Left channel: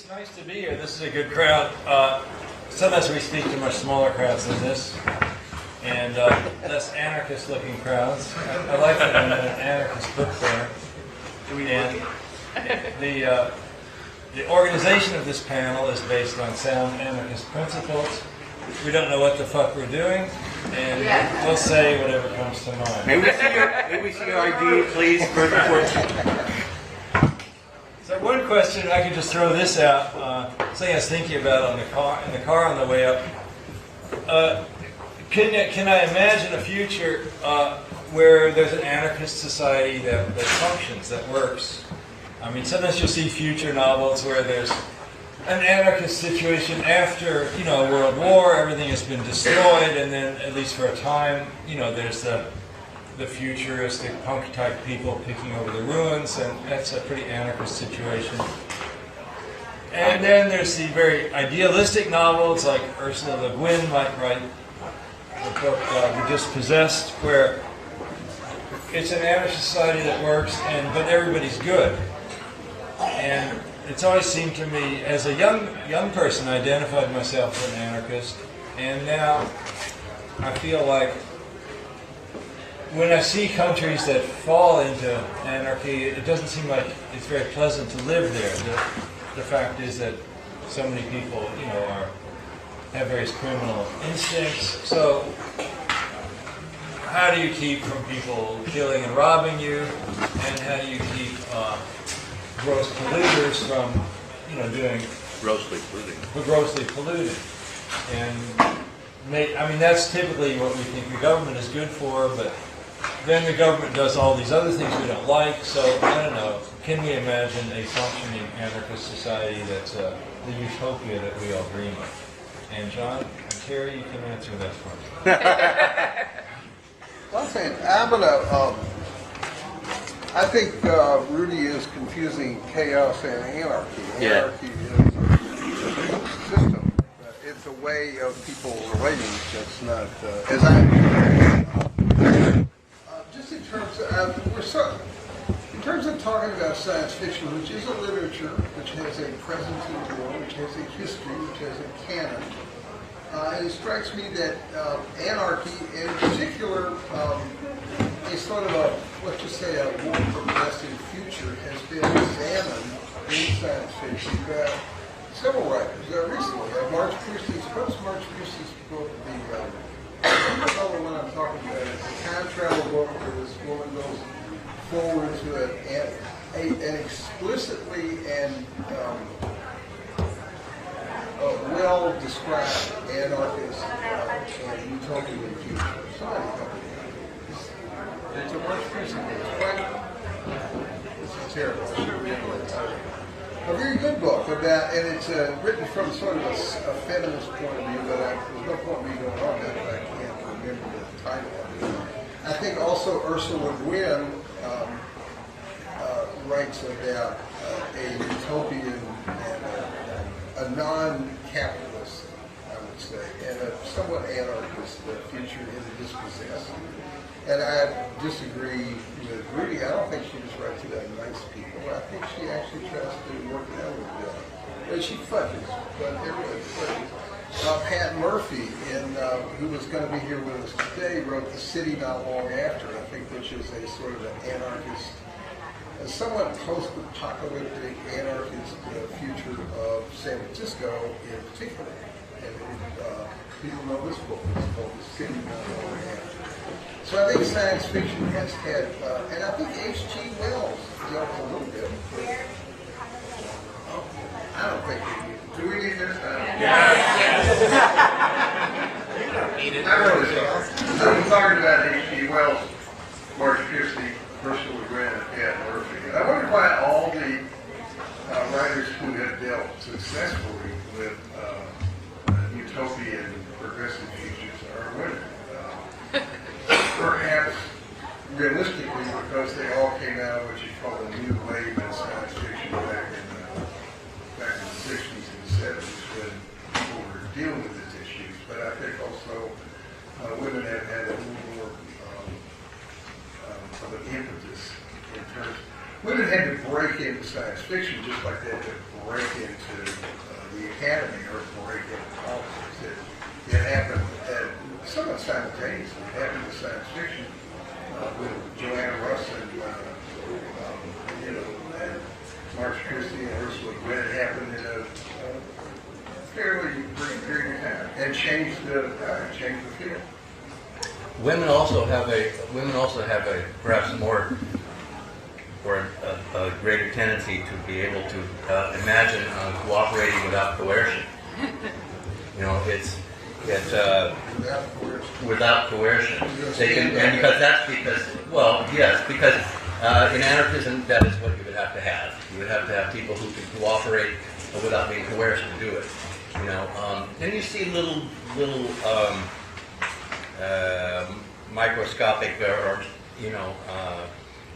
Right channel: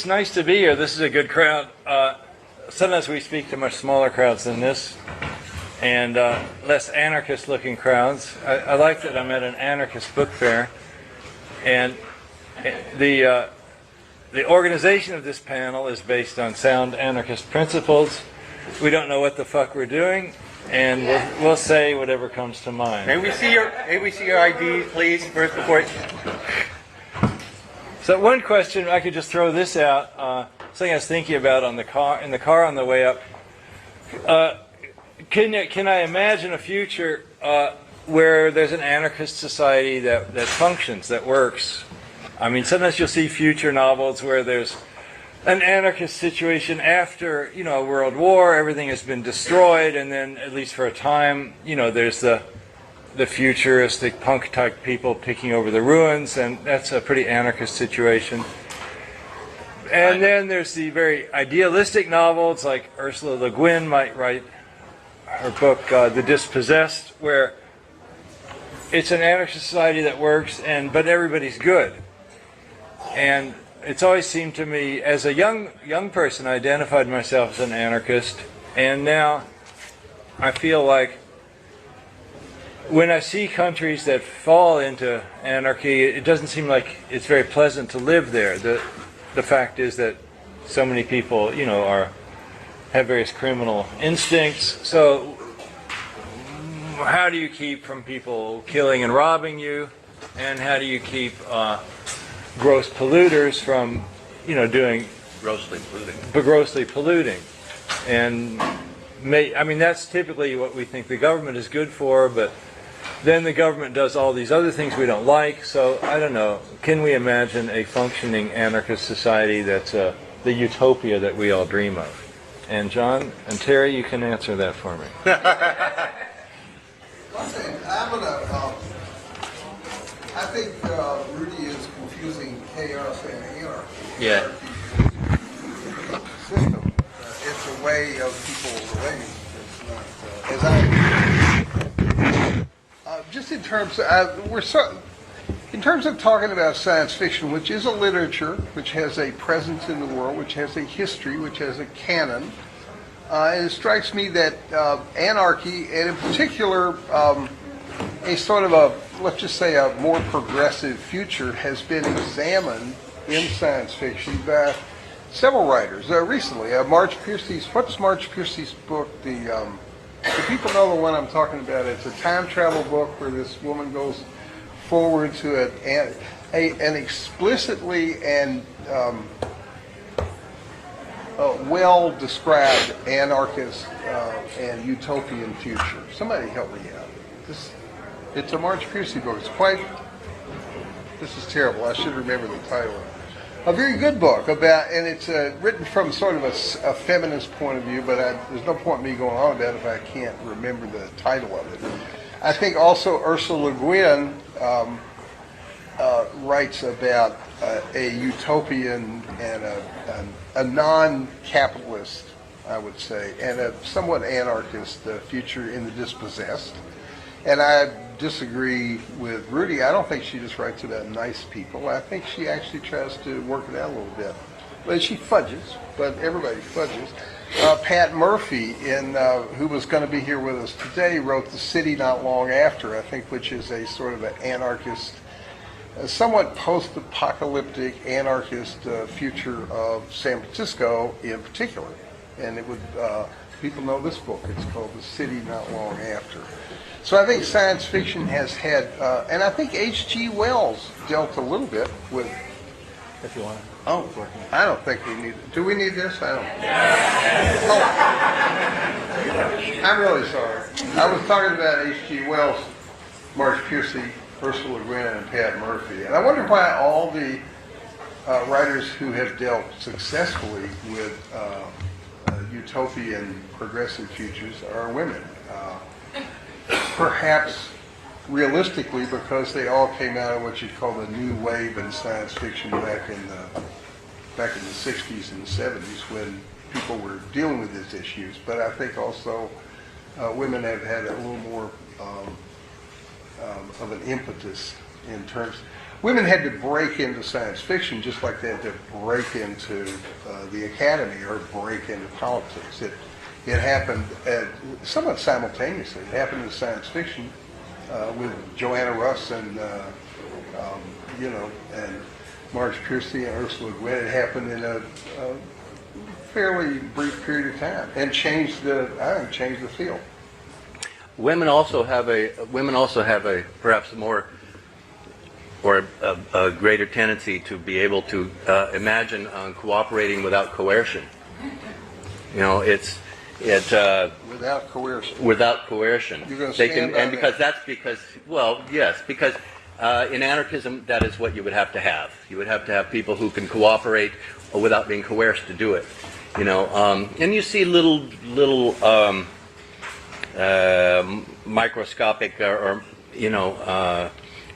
it's nice to be here. This is a good crowd. Sometimes we speak to much smaller crowds than this, and less anarchist-looking crowds. I like that I'm at an anarchist book fair, and the organization of this panel is based on sound anarchist principles. We don't know what the fuck we're doing, and we'll say whatever comes to mind. May we see your ID, please, first before. So one question, I could just throw this out, something I was thinking about in the car on the way up. Can I imagine a future where there's an anarchist society that functions, that works? I mean, sometimes you'll see future novels where there's an anarchist situation after, a world war, everything has been destroyed, and then, at least for a time, there's the futuristic punk-type people picking over the ruins, and that's a pretty anarchist situation. And then there's the very idealistic novels, like Ursula Le Guin might write her book, The Dispossessed, where it's an anarchist society that works, but everybody's good. And it's always seemed to me, as a young person, I identified myself as an anarchist, and now I feel like when I see countries that fall into anarchy, it doesn't seem like it's very pleasant to live there. The fact is that so many people, have various criminal instincts. So how do you keep from people killing and robbing you? And how do you keep gross polluters from, doing Grossly polluting. And that's typically what we think the government is good for, but then the government does all these other things we don't like. So I don't know. Can we imagine a functioning anarchist society that's the utopia that we all dream of? And John and Terry, you can answer that for me. Well, I think Rudy is confusing chaos and anarchy. Anarchy is a system. It's a way of people relating. It's not, as I, just in terms of, in terms of talking about science fiction, which is a literature, which has a presence in the world, which has a history, which has a canon, and it strikes me that anarchy, and in particular, a sort of let's just say a more progressive future, has been examined in science fiction by several writers recently. Marge Piercy's, what's Marge Piercy's book? Do people know the one I'm talking about? It's a time travel book where this woman goes forward to an explicitly and well described anarchist and utopian future. Somebody help me out. It's a Marge Piercy book. This is terrible. I should remember the title. A very good book about, and it's written from sort of a feminist point of view, but there's no point in me going on about it if I can't remember the title of it. I think also Ursula Le Guin writes about a utopian and a non-capitalist, I would say, and a somewhat anarchist future in The Dispossessed. And I disagree with Rudy. I don't think she just writes about nice people. I think she actually tries to work it out a little bit. But she fudges, but everybody fudges. Pat Murphy, who was going to be here with us today, wrote The City Not Long After, I think, which is a sort of an anarchist, a somewhat post-apocalyptic anarchist future of San Francisco in particular. And it would, people know this book. It's called The City Not Long After. So I think science fiction has had, and I think H.G. Wells dealt a little bit with. Oh, I don't think we need. Do we need this? I don't. I'm really sorry. I was talking about H.G. Wells, Marge Piercy, Ursula Le Guin, and Pat Murphy, and I wonder why all the writers who have dealt successfully with utopian progressive futures are women. Perhaps realistically, because they all came out of what you call the new wave in science fiction back in the 60s and 70s when people were dealing with these issues. But I think also women have had a little more of an impetus in terms. women had to break into science fiction just like they had to break into the academy or break into politics. It happened somewhat simultaneously. It happened in science fiction with Joanna Russ and and Marge Christie and Ursula Gwynn. It happened in a fairly brief period of time and changed the field. Women also have a perhaps more or a greater tendency to be able to imagine cooperating without coercion. Without coercion. Without coercion. You're going to They stand can, by and that. because in anarchism that is what you would have to have. You would have to have people who can cooperate without being coerced to do it. And you see little microscopic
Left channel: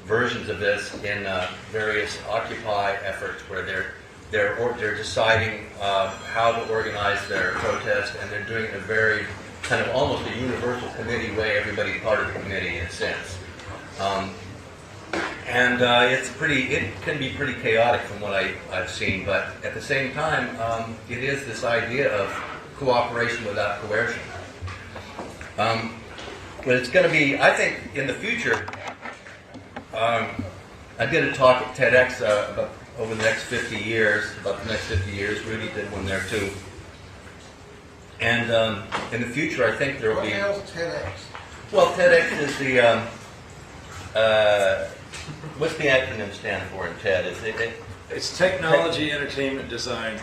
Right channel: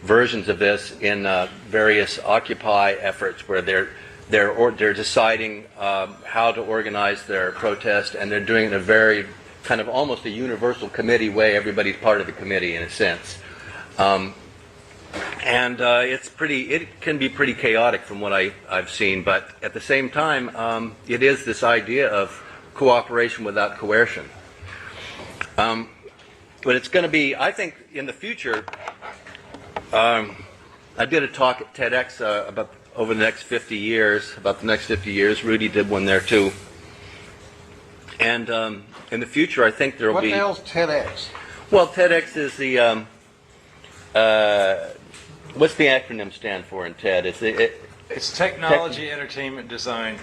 versions of this in various Occupy efforts where they're deciding how to organize their protest, and they're doing it in a very kind of almost a universal committee way. Everybody's part of the committee in a sense, and it can be pretty chaotic from what I've seen. But at the same time, it is this idea of cooperation without coercion. But it's going to be, I think, in the future. I did a talk at TEDx about over the next 50 years, about the next 50 years. Rudy did one there too. And in the future, I think there will be... What the hell's TEDx? Well, TEDx is the... what's the acronym stand for in TED? It's Technology, Entertainment, Design.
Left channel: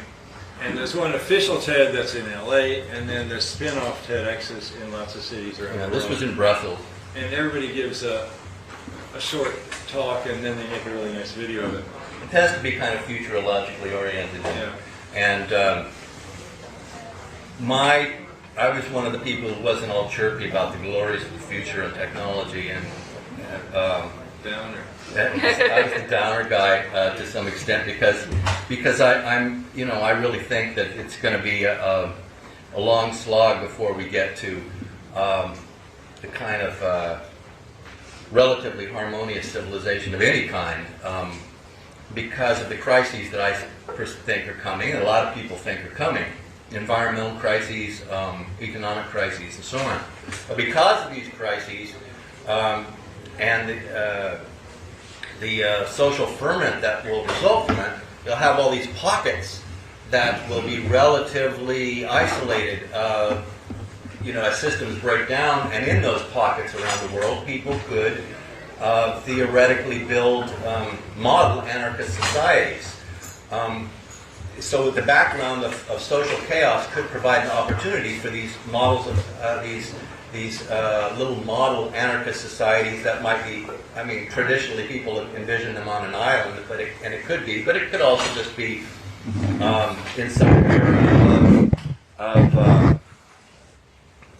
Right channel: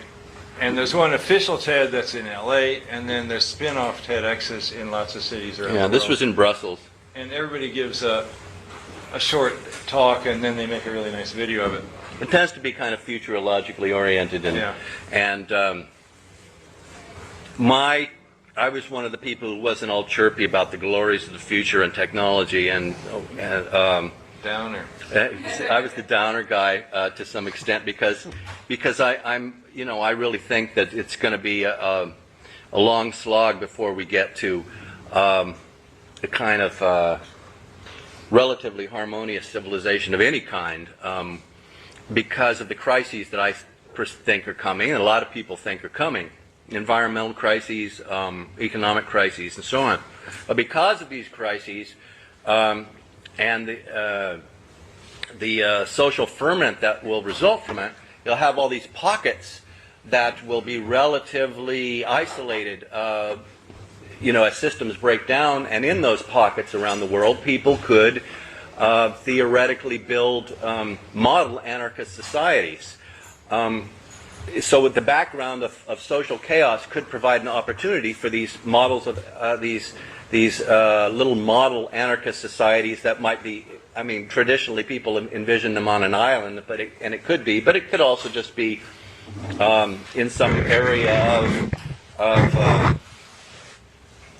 And there's one official TED that's in LA, and then there's spin-off TEDx's in lots of cities around the world. This was in Brussels. And everybody gives a short talk, and then they make a really nice video of it. It tends to be kind of futurologically oriented. And I was one of the people who wasn't all chirpy about the glories of the future and technology, and Downer. I was the downer guy to some extent because I really think that it's going to be a long slog before we get to the kind of relatively harmonious civilization of any kind, because of the crises that I think are coming, and a lot of people think are coming. Environmental crises, economic crises, and so on. But because of these crises and the social ferment that will result from it, you'll have all these pockets that will be relatively isolated, as systems break down, and in those pockets around the world, people could theoretically build model anarchist societies. So the background of social chaos could provide an opportunity for these models of these little model anarchist societies that might be, traditionally people envision them on an island, and it could be, but it could also just be in some area of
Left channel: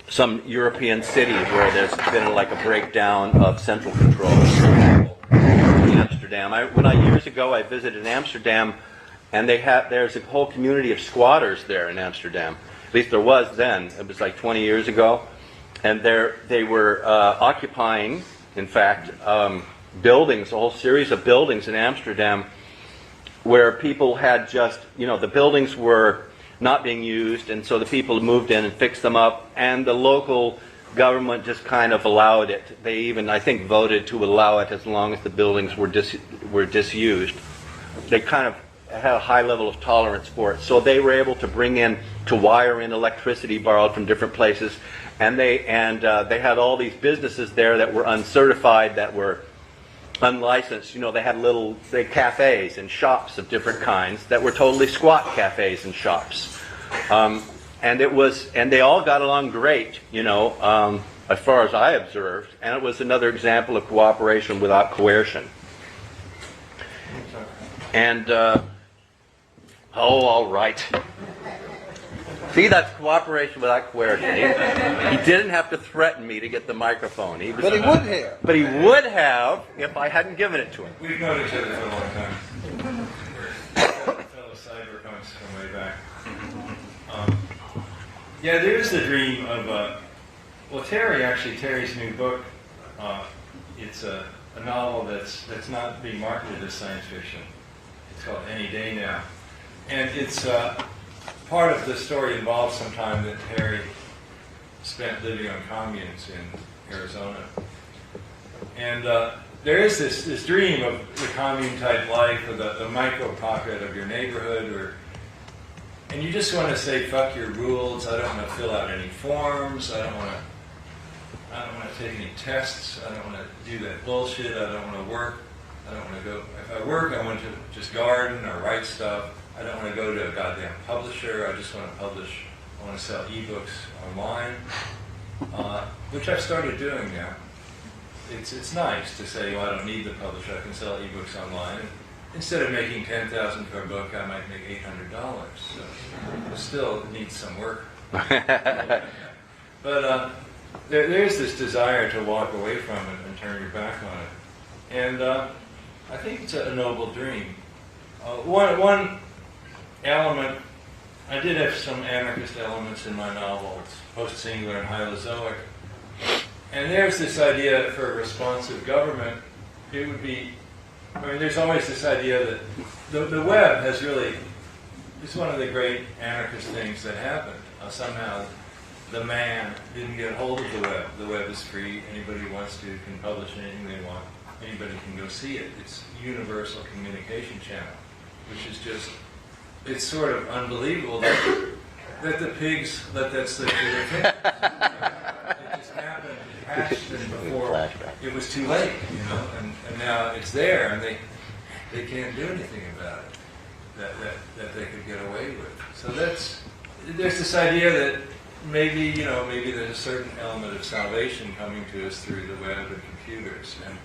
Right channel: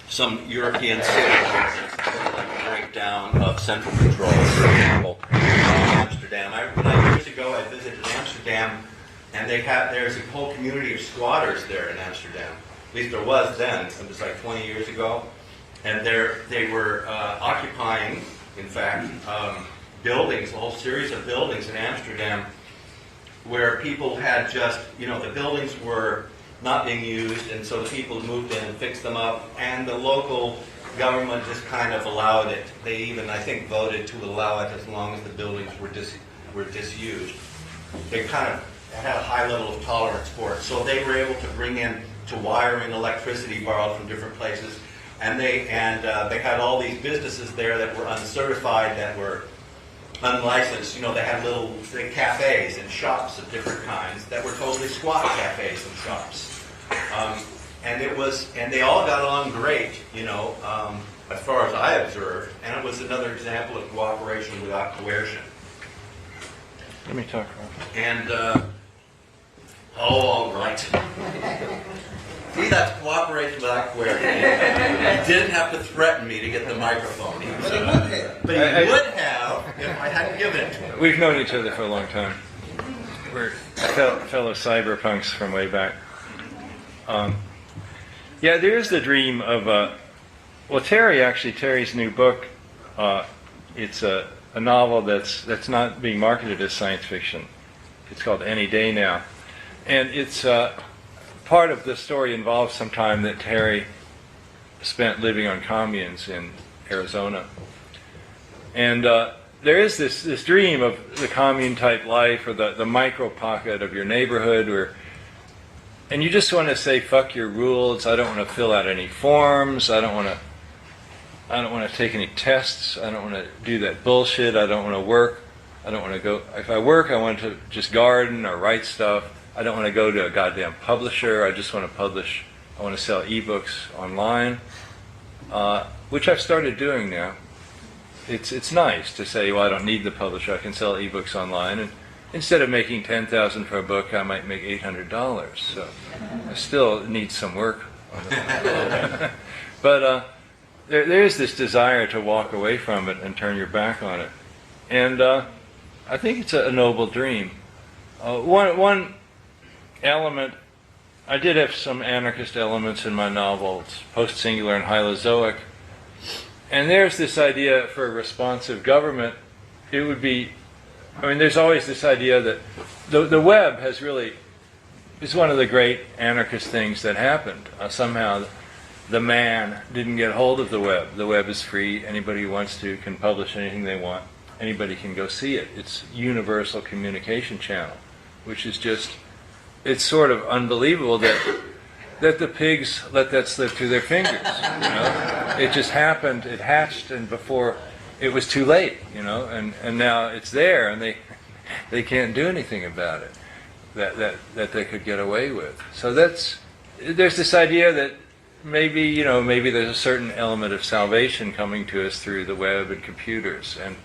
some European city where there's been like a breakdown of central control, for example, Amsterdam. Years ago I visited Amsterdam, and there's a whole community of squatters there in Amsterdam. At least there was then. It was like 20 years ago. And they were occupying, in fact, buildings, a whole series of buildings in Amsterdam where people had just, the buildings were not being used, and so the people moved in and fixed them up, and the local government just kind of allowed it. They even, I think, voted to allow it as long as the buildings were disused. They kind of had a high level of tolerance for it. So they were able to wire in electricity borrowed from different places, and they had all these businesses there that were uncertified, that were unlicensed. They had little cafes and shops of different kinds that were totally squat cafes and shops. And they all got along great, as far as I observed, and it was another example of cooperation without coercion. Let me talk about And all right. See, that's cooperation without coercion. He didn't have to threaten me to get the microphone. But he would have. But he would have if I hadn't given it to him. We've known each other for a long time. We're fellow cyberpunks from way back. There's the dream of Terry's new book. It's a novel that's not being marketed as science fiction. It's called Any Day Now. And it's part of the story involves some time that Terry spent living on communes in Arizona. And there is this dream of the commune-type life, or the micro-pocket of your neighborhood, and you just want to say, fuck your rules, I don't want to fill out any forms, I don't want to take any tests, I don't want to do that bullshit, I don't want to work, I don't want to go, if I work, I want to just garden or write stuff, I don't want to go to a goddamn publisher, I just want to publish, I want to sell ebooks online, which I've started doing now. It's nice to say, well, I don't need the publisher, I can sell ebooks online, and instead of making $10,000 for a book, I might make $800. So it still needs some work. But there is this desire to walk away from it and turn your back on it. And I think it's a noble dream. One element, I did have some anarchist elements in my novels, post-singular and hylozoic. And there's this idea for a responsive government, it would be, I mean, there's always this idea that the web has really, is one of the great anarchist things that happened. Somehow the man didn't get hold of the web. The web is free. Anybody who wants to can publish anything they want. Anybody can go see it. It's universal communication channel, which is just, it's sort of unbelievable that the pigs let that slip through their fingers, you know? It just happened, it hatched, and before it was too late, you know, and now it's there, and they can't do anything about it that they could get away with. So there's this idea that maybe, you know, maybe there's a certain element of salvation coming to us through the web and computers. And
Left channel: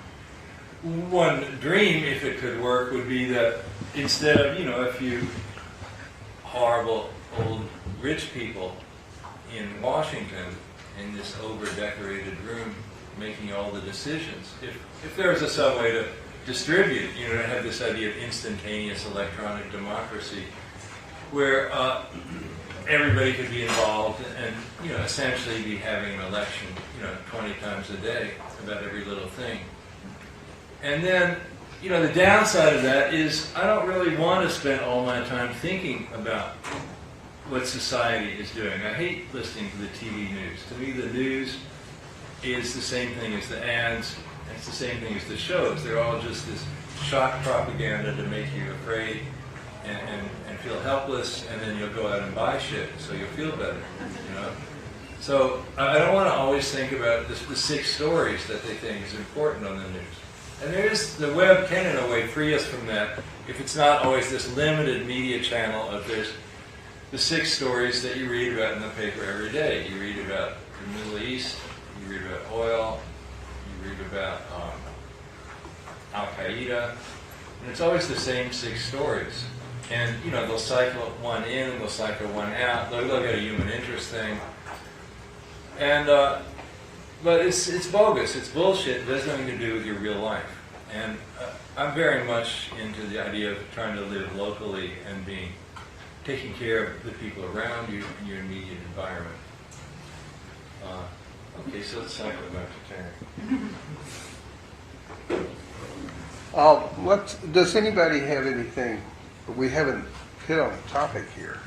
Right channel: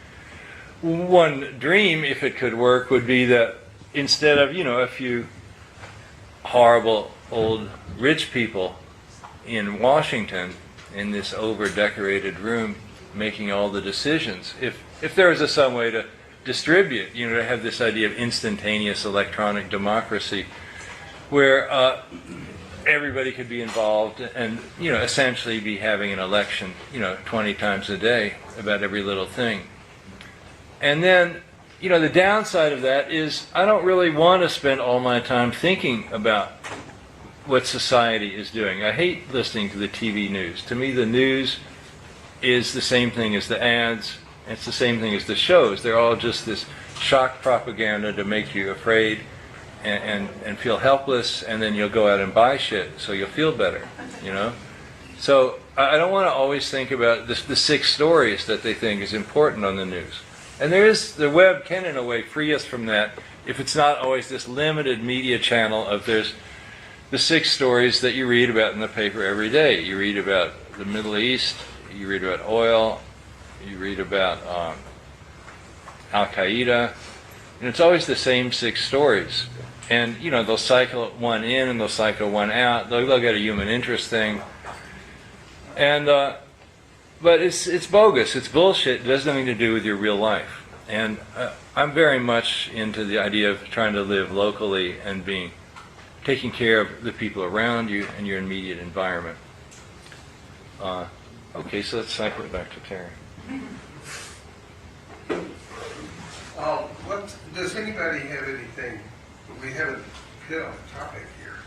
one dream, if it could work, would be that instead of, you know, a few horrible old rich people in Washington in this over-decorated room making all the decisions, if there was some way to distribute, you know, to have this idea of instantaneous electronic democracy where everybody could be involved and, you know, essentially be having an election, you know, 20 times a day about every little thing. And then, you know, the downside of that is I don't really want to spend all my time thinking about what society is doing. I hate listening to the TV news. To me, the news is the same thing as the ads. It's the same thing as the shows. They're all just this shock propaganda to make you afraid and feel helpless, and then you'll go out and buy shit so you'll feel better, you know? So I don't want to always think about the 6 stories that they think is important on the news. And the web can, in a way, free us from that if it's not always this limited media channel of there's the 6 stories that you read about in the paper every day. You read about the Middle East, you read about oil, you read about Al-Qaeda, and it's always the same 6 stories. And, you know, they'll cycle one in and they'll cycle one out. They'll get a human interest thing. And, but it's bogus, it's bullshit, it has nothing to do with your real life. And I'm very much into the idea of trying to live locally and taking care of the people around you and your immediate environment. Okay, so let's cycle it back to Terry. Does anybody have anything? We haven't hit on the topic here.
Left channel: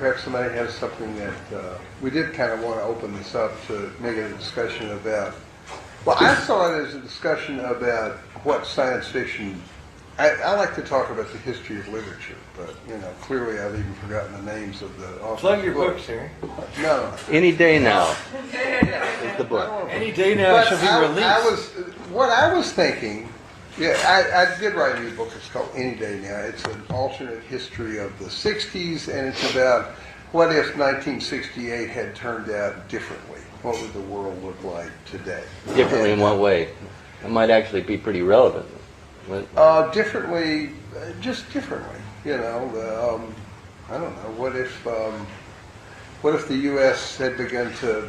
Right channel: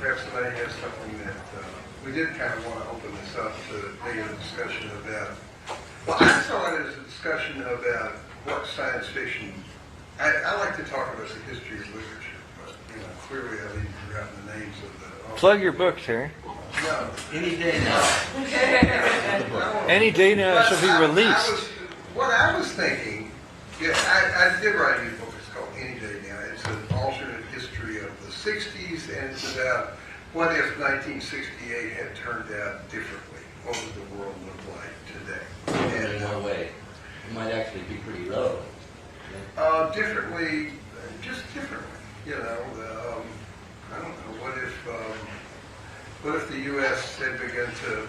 Perhaps somebody has something that we did kind of want to open this up to make a discussion about. Well, I saw it as a discussion about what science fiction. I like to talk about the history of literature, but you know, clearly I've even forgotten the names of the authors. Plug your book, Terry. No. Any day now. Any day now it shall be released. What I was thinking, yeah, I did write a new book. It's called Any Day Now. It's an alternate history of the 60s, and it's about what if 1968 had turned out differently? What would the world look like today? Differently in what way? It might actually be pretty relevant. Differently, just differently. You know, I don't know. What if the U.S. had begun to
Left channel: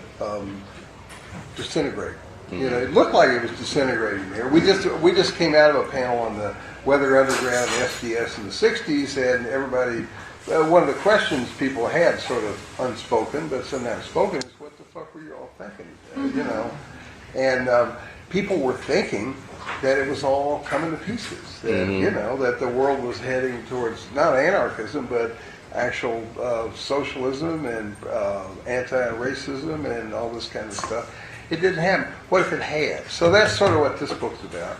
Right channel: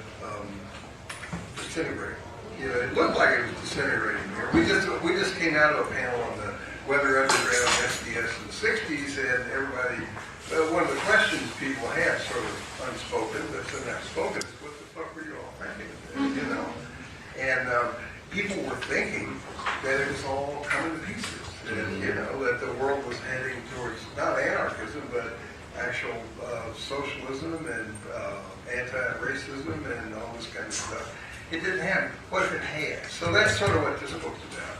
disintegrate? You know, it looked like it was disintegrating here. We just came out of a panel on the Weather Underground SDS in the 60s, and everybody, one of the questions people had, sort of unspoken, but somehow spoken, is what the fuck were you all thinking? You know, and people were thinking that it was all coming to pieces. That, you know, that the world was heading towards not anarchism, but actual socialism and anti-racism and all this kind of stuff. It didn't happen. What if it had? So that's sort of what this book's about.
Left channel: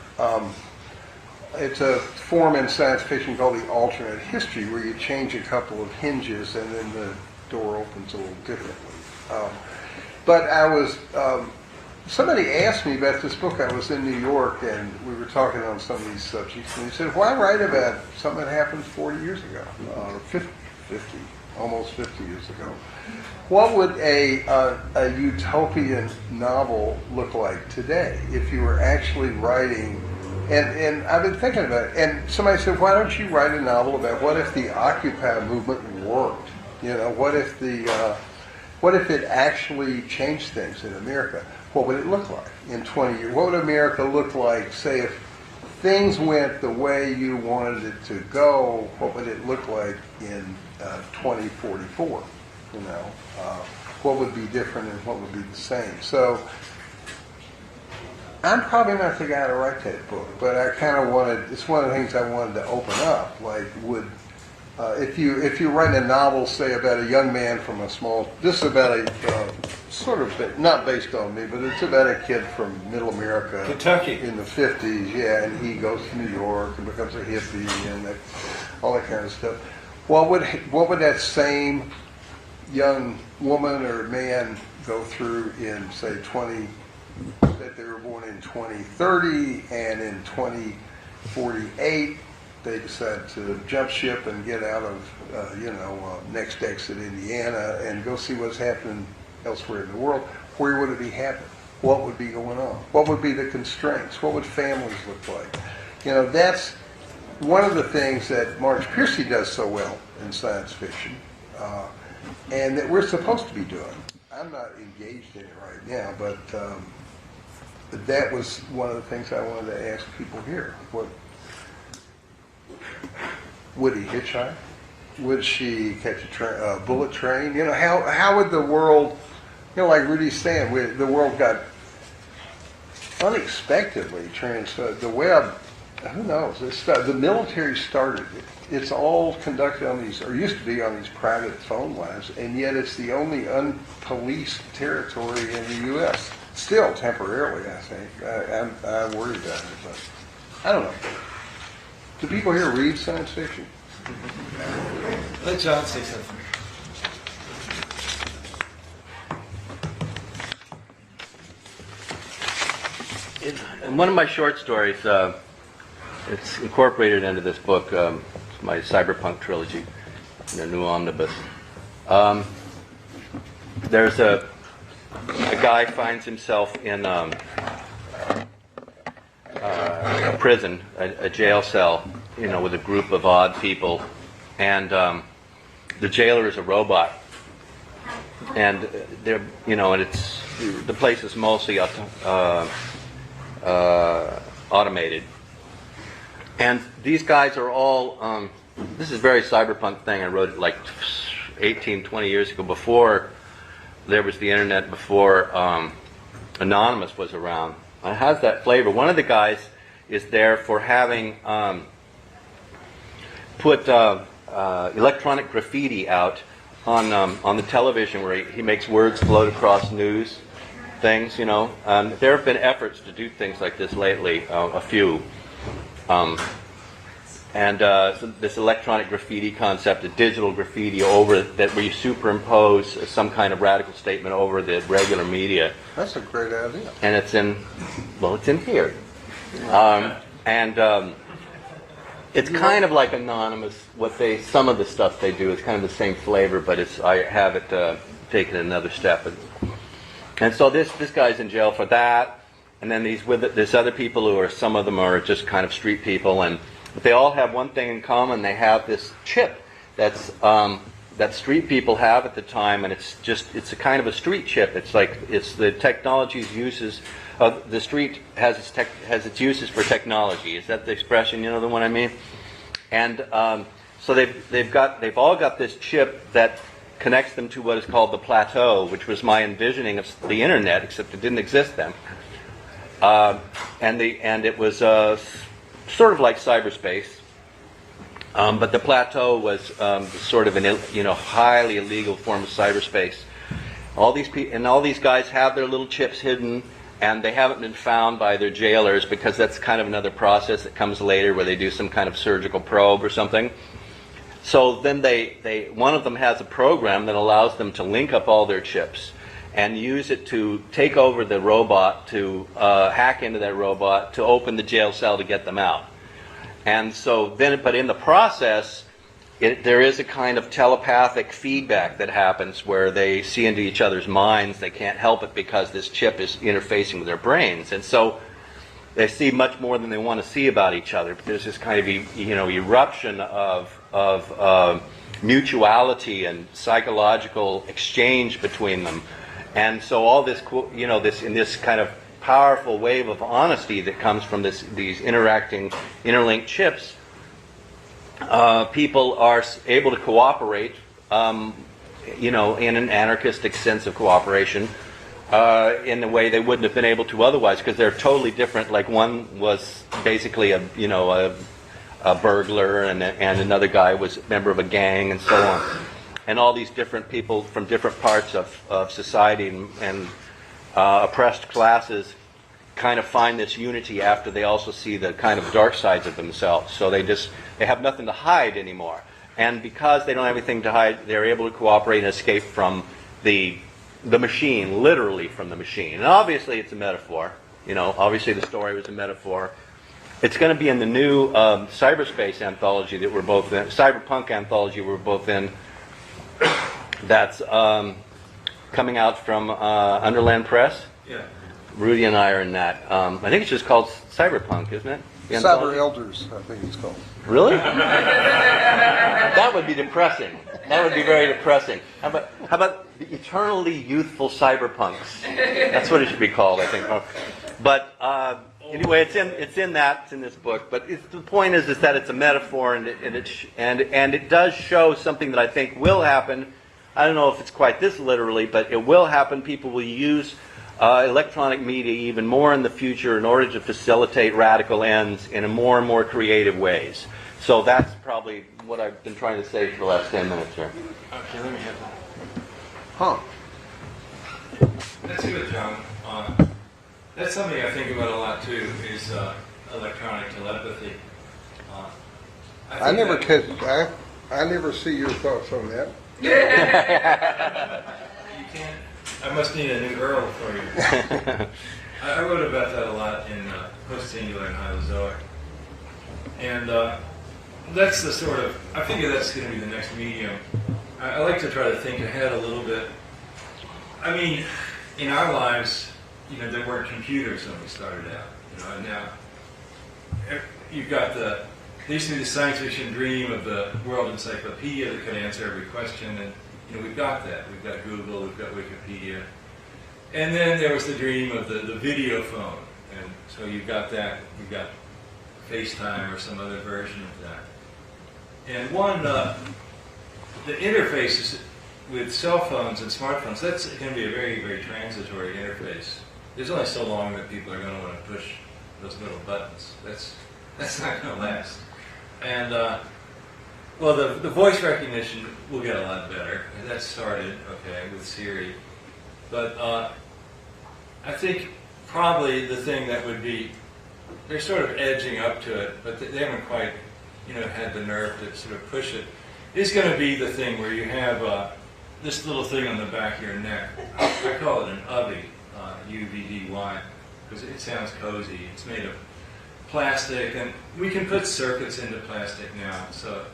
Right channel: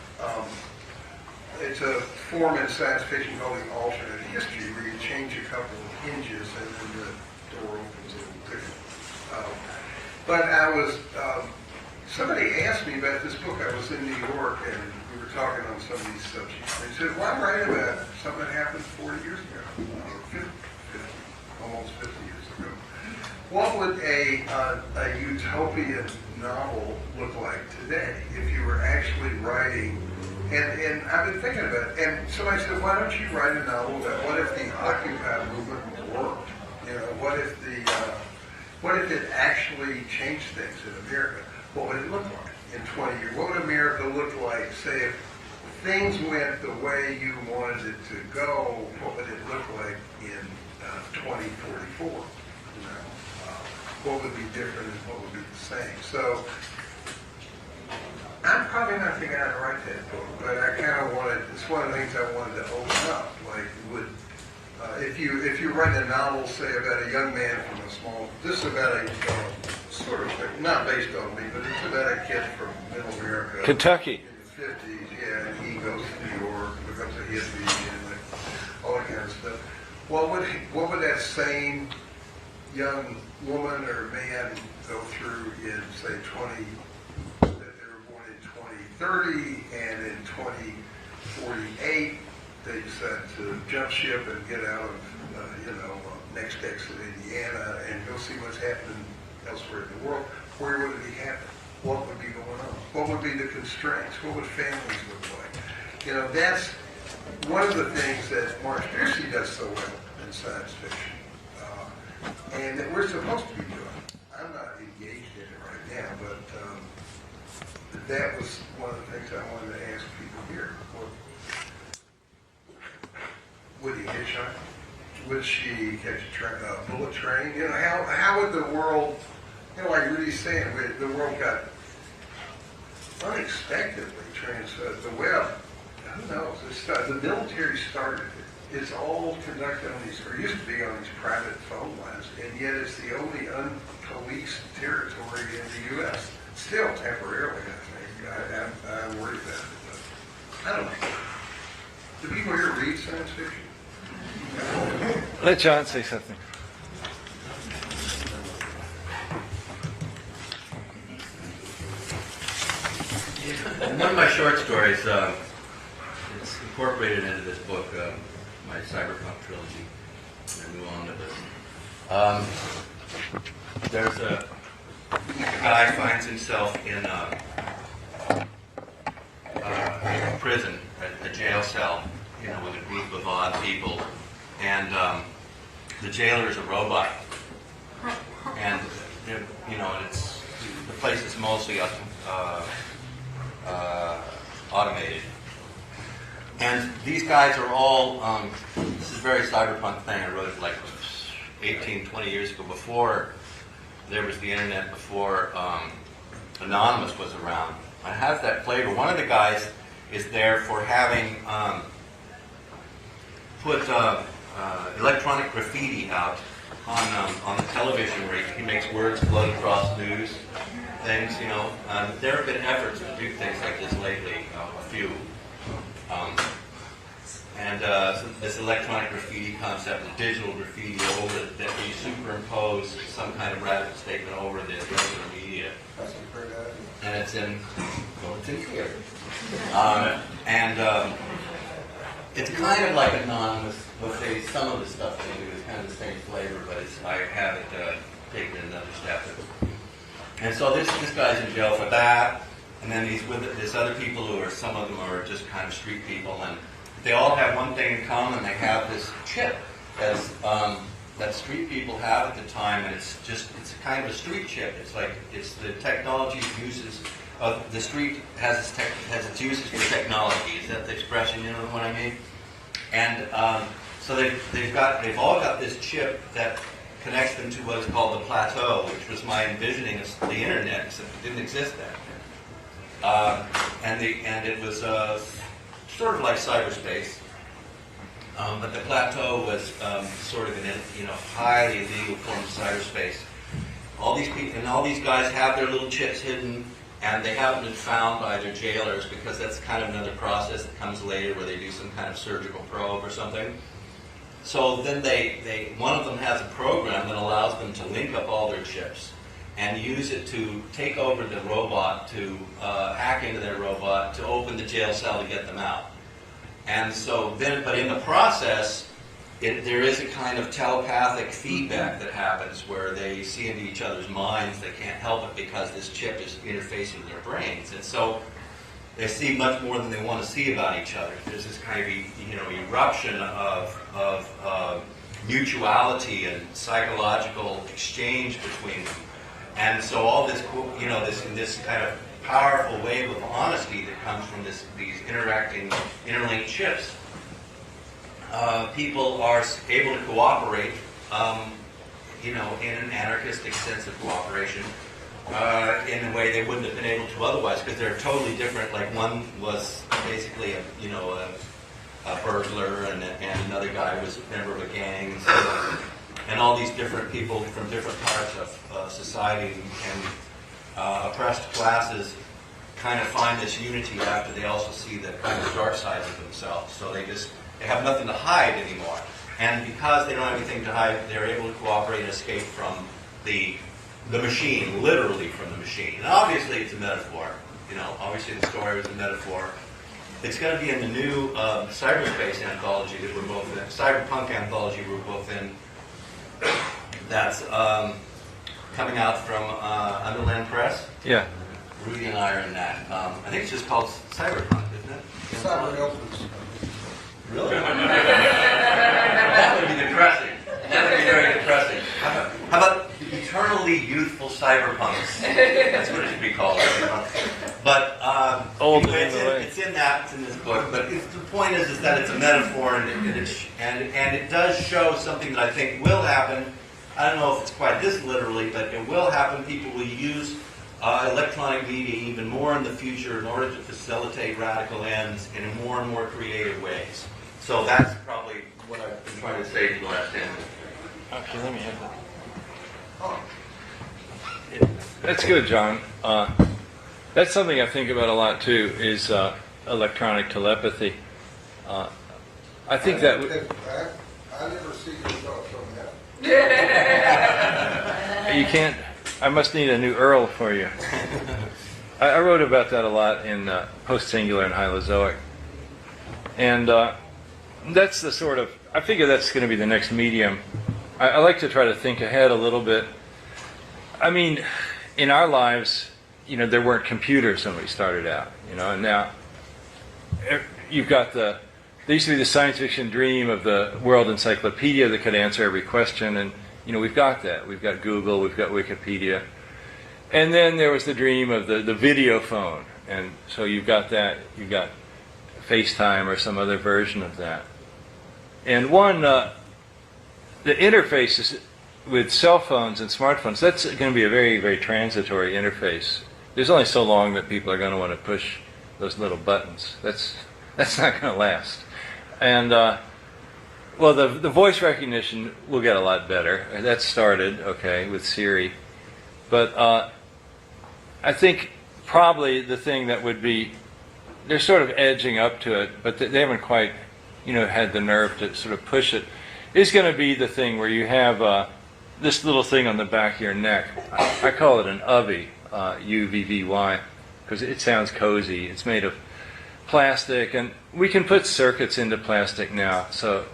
It's a form in science fiction called the alternate history, where you change a couple of hinges and then the door opens a little differently. But I was, somebody asked me about this book. I was in New York and we were talking on some of these subjects, and they said, why write about something that happened 40 years ago, or 50, almost 50 years ago? What would a utopian novel look like today if you were actually writing? And I've been thinking about it. And somebody said, why don't you write a novel about what if the Occupy movement worked? You know, what if it actually changed things in America? What would it look like in 20 years? What would America look like, say, if things went the way you wanted it to go? What would it look like in 2044? You know, what would be different and what would be the same? So I'm probably not the guy to write that book, but I kind of wanted, it's one of the things I wanted to open up. Like, if you write a novel, say, about a young man from a small, this is about a sort of thing, not based on me, but it's about a kid from middle America. Kentucky. In the 50s, yeah, and he goes to New York and becomes a hippie and all that kind of stuff. What would that same young woman or man go through in, say, that they were born in 2030, and in 2048 they decide to jump ship and get out of next exit Indiana and go see what's happening elsewhere in the world? Where would it be happening? What would be going on? What would be the constraints? What would families look like? You know, that's one of the things that Marge Piercy does so well in science fiction, and that we're supposed to be doing. I'm not engaged in it right now, but that was one of the things I wanted to ask people here. Would he hitchhike? Would she catch a bullet train? You know, how would the world, you know, like Rudy's saying, the world got unexpectedly transferred. The web, who knows? The military started it. It's all conducted on these, or used to be on these private phone lines, and yet it's the only unpoliced territory in the U.S. Still, temporarily, I think. I'm worried about it, but I don't know. Do people here read science fiction? Let John say something. One of my short stories, it's incorporated into this book, my cyberpunk trilogy, the new omnibus. There's a guy finds himself in a prison, a jail cell, you know, with a group of odd people, and the jailer is a robot, and they're, you know, and it's, the place is mostly automated. And these guys are all, this is a very cyberpunk thing. I wrote it like 18, 20 years ago, before there was the internet, before Anonymous was around. It has that flavor. One of the guys is there for having put electronic graffiti out on the television, where he makes words float across news things, you know. There have been efforts to do things like this lately, a few. So this electronic graffiti concept, a digital graffiti over that, where you superimpose some kind of radical statement over the regular media. That's a great idea. And it's in theory. It's kind of like Anonymous. Some of the stuff they do is kind of the same flavor, but I have it taken another step. And so this guy's in jail for that. And then there's other people who are, some of them are just kind of street people, but they all have one thing in common. They have this chip that street people have at the time, and it's a kind of a street chip. It's the technology uses. The street has its uses for technology. Is that the expression? You know the one I mean? And so they've all got this chip that connects them to what is called the plateau, which was my envisioning of the internet, except it didn't exist then. And it was sort of like cyberspace. But the plateau was sort of an highly illegal form of cyberspace. All these guys have their little chips hidden, and they haven't been found by their jailers because that's kind of another process that comes later where they do some kind of surgical probe or something. So then one of them has a program that allows them to link up all their chips and use it to take over the robot, to hack into that robot, to open the jail cell to get them out. And so then, but in the process, there is a kind of telepathic feedback that happens where they see into each other's minds. They can't help it because this chip is interfacing with their brains. And so they see much more than they want to see about each other. There's this kind of eruption of mutuality and psychological exchange between them. And so all this, in this kind of powerful wave of honesty that comes from these interacting, interlinked chips, people are able to cooperate, in an anarchistic sense of cooperation, in a way they wouldn't have been able to otherwise, because they're totally different. Like one was basically a burglar, and another guy was a member of a gang, and so on. And all these different people from different parts of society and oppressed classes kind of find this unity after they also see the kind of dark sides of themselves. So they have nothing to hide anymore. And because they don't have anything to hide, they're able to cooperate and escape from the machine, literally from the machine. And obviously it's a metaphor. Obviously the story was a metaphor. It's going to be in the new cyberspace anthology that we're both in, cyberpunk anthology we're both in. That's coming out from Underland Press. Yeah. Rudy and I are in that. I think it's just called Cyberpunk, isn't it? The Cyber anthology? Elders, I think it's called. Really? That would be depressing. That would be very depressing. How about eternally youthful cyberpunks? That's what it should be called, I think. But anyway, it's in this book. But the point is that it's a metaphor, and it does show something that I think will happen. I don't know if it's quite this literally, but it will happen. People will use electronic media even more in the future in order to facilitate radical ends in more and more creative ways. So that's probably what I've been trying to say for the last 10 minutes here. Okay, let me have that. Huh. That's good, John. That's something I think about a lot too, is electronic telepathy. I think I never see your thoughts on that. you can't. I must need a new Earl for you. I wrote about that a lot in Post-Singular and Hylozoic. And that's the sort of, I figure that's going to be the next medium. I like to try to think ahead a little bit. I mean, in our lives, there weren't computers when we started out, and now you've got there used to be the science fiction dream of the world encyclopedia that could answer every question, and we've got that. We've got Google, we've got Wikipedia. And then there was the dream of the video phone, and so you've got that, you've got FaceTime or some other version of that. And the interfaces with cell phones and smartphones, that's going to be a very, very transitory interface. There's only so long that people are going to want to push those little buttons. That's not going to last. And well, the voice recognition will get a lot better. That started, okay, with Siri. But I think probably the thing that would be, they're sort of edging up to it, but they haven't quite, had the nerve to sort of push it, is going to be the thing where you have this little thing on the back of your neck. I call it an UVVY, UVVY, because it sounds cozy. It's made of plastic, and we can put circuits into plastic now. So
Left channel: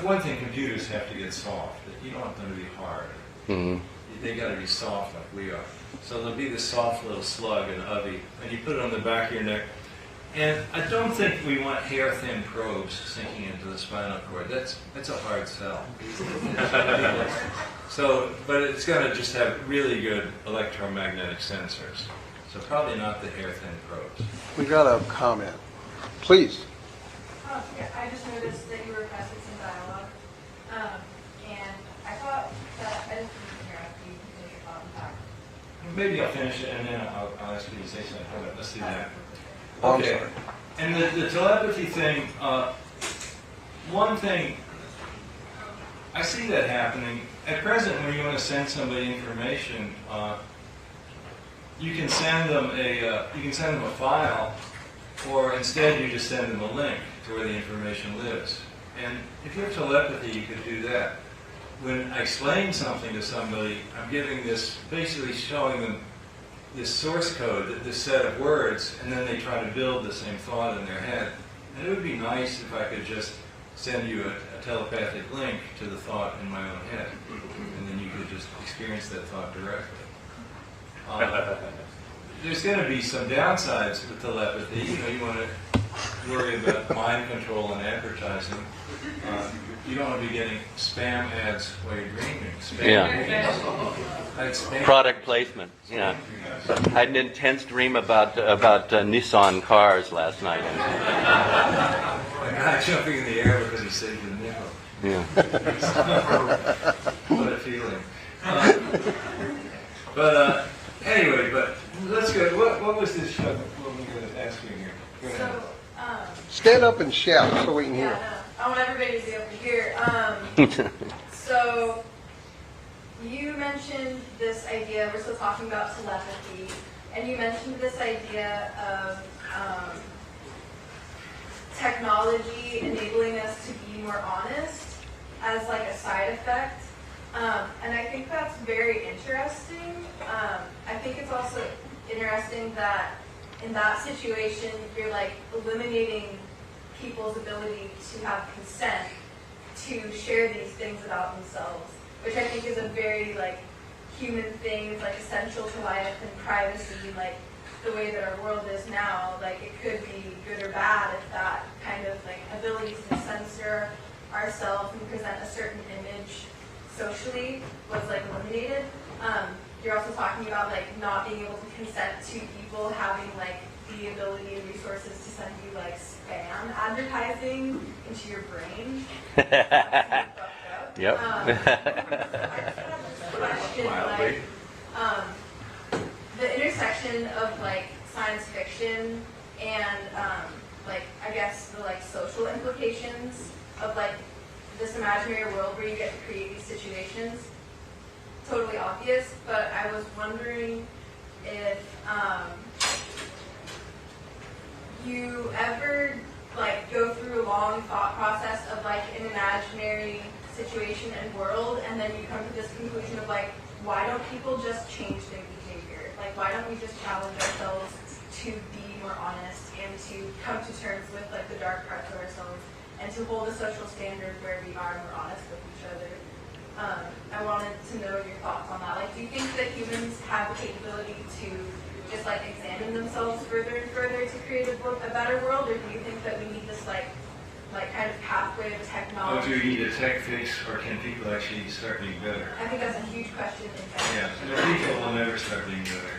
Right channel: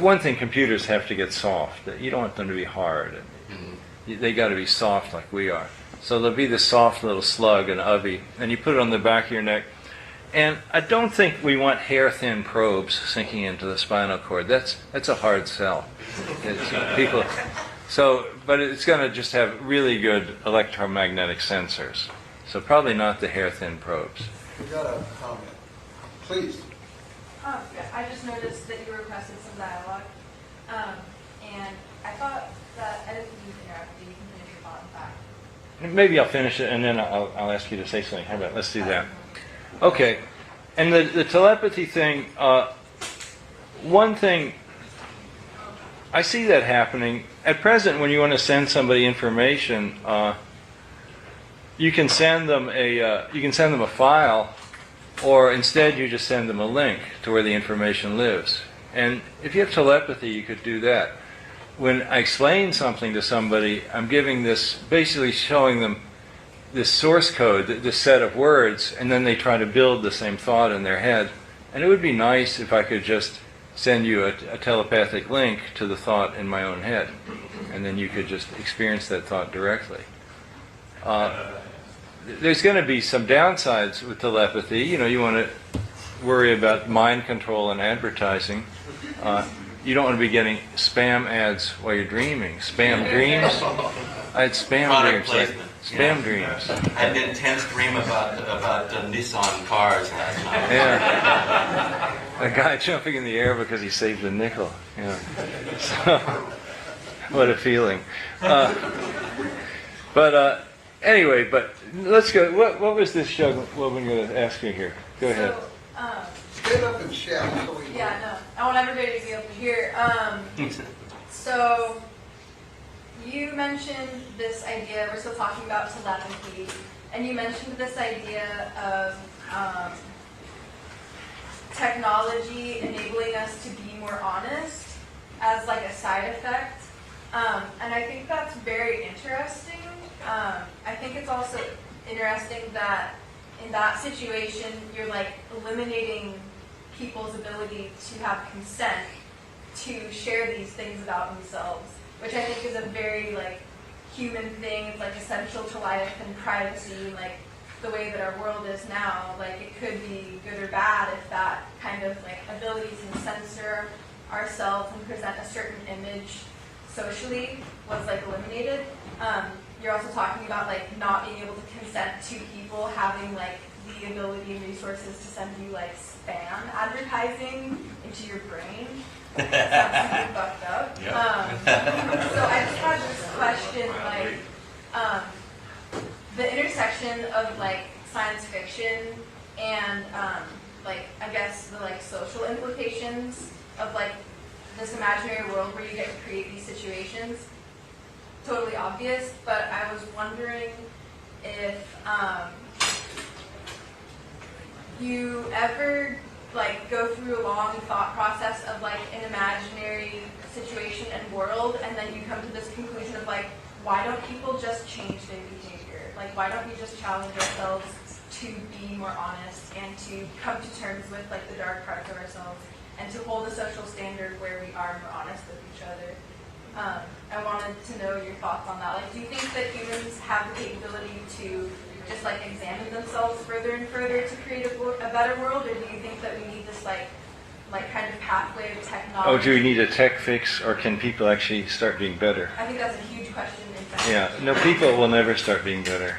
one thing, computers have to get soft. You don't want them to be hard. Mm-hmm. They got to be soft like we are. So there'll be this soft little slug, an UVVY, and you put it on the back of your neck. And I don't think we want hair-thin probes sinking into the spinal cord. That's a hard sell. But it's going to just have really good electromagnetic sensors. So probably not the hair-thin probes. We got a comment. Please. Yeah, I just noticed that you requested some dialogue, and I thought that edit here would be maybe on back. maybe I'll finish it and then I'll ask you to say something. How about, let's do that. Okay. And the telepathy thing, one thing, I see that happening. At present, when you want to send somebody information, you can send them a file, or instead you just send them a link to where the information lives. And if you have telepathy, you could do that. When I explain something to somebody, I'm giving this, basically showing them this source code, this set of words, and then they try to build the same thought in their head. And it would be nice if I could just send you a telepathic link to the thought in my own head, and then you could just experience that thought directly. There's going to be some downsides with telepathy. You know, you want to worry about mind control and advertising. You don't want to be getting spam ads while you're dreaming. Spam dreams. I had spam Product dreams. placement. Spam dreams. I had an intense dream about Nissan cars last night. Yeah. A guy jumping in the air because he saved a nickel. Yeah. What a feeling. Anyway, but let's go. What was this show? What were we going to ask you here? Go ahead. Stand up and shout so we can hear. Yeah, no, I want everybody to be able to hear. So, you mentioned this idea, we're still talking about telepathy, and you mentioned this idea of technology enabling us to be more honest as like a side effect. And I think that's very interesting. I think it's also interesting that in that situation, you're like eliminating people's ability to have consent to share these things about themselves, which I think is a very like human thing, like essential to life and privacy, like the way that our world is now. Like it could be good or bad if that kind of like ability to censor ourselves and present a certain image socially was like eliminated. You're also talking about like not being able to consent to people having like the ability and resources to send you like spam advertising into your brain. That's super fucked up. Yep. So I just had this question, like the intersection of like science fiction and like I guess the like social implications of like this imaginary world where you get to create these situations. Totally obvious, but I was wondering if you ever like go through a long thought process of like an imaginary situation and world, and then you come to this conclusion of like, why don't people just change their behavior? Like, why don't we just challenge ourselves to be more honest and to come to terms with like the dark parts of ourselves and to hold a social standard where we are more honest with each other? I wanted to know your thoughts on that. Like, do you think that humans have the capability to just like examine themselves further and further to create a better world, or do you think that we need this like kind of pathway of technology? Oh, do we need a tech fix, or can people actually start being better? I think that's a huge question. In fact. Yeah, no, people will never start being better.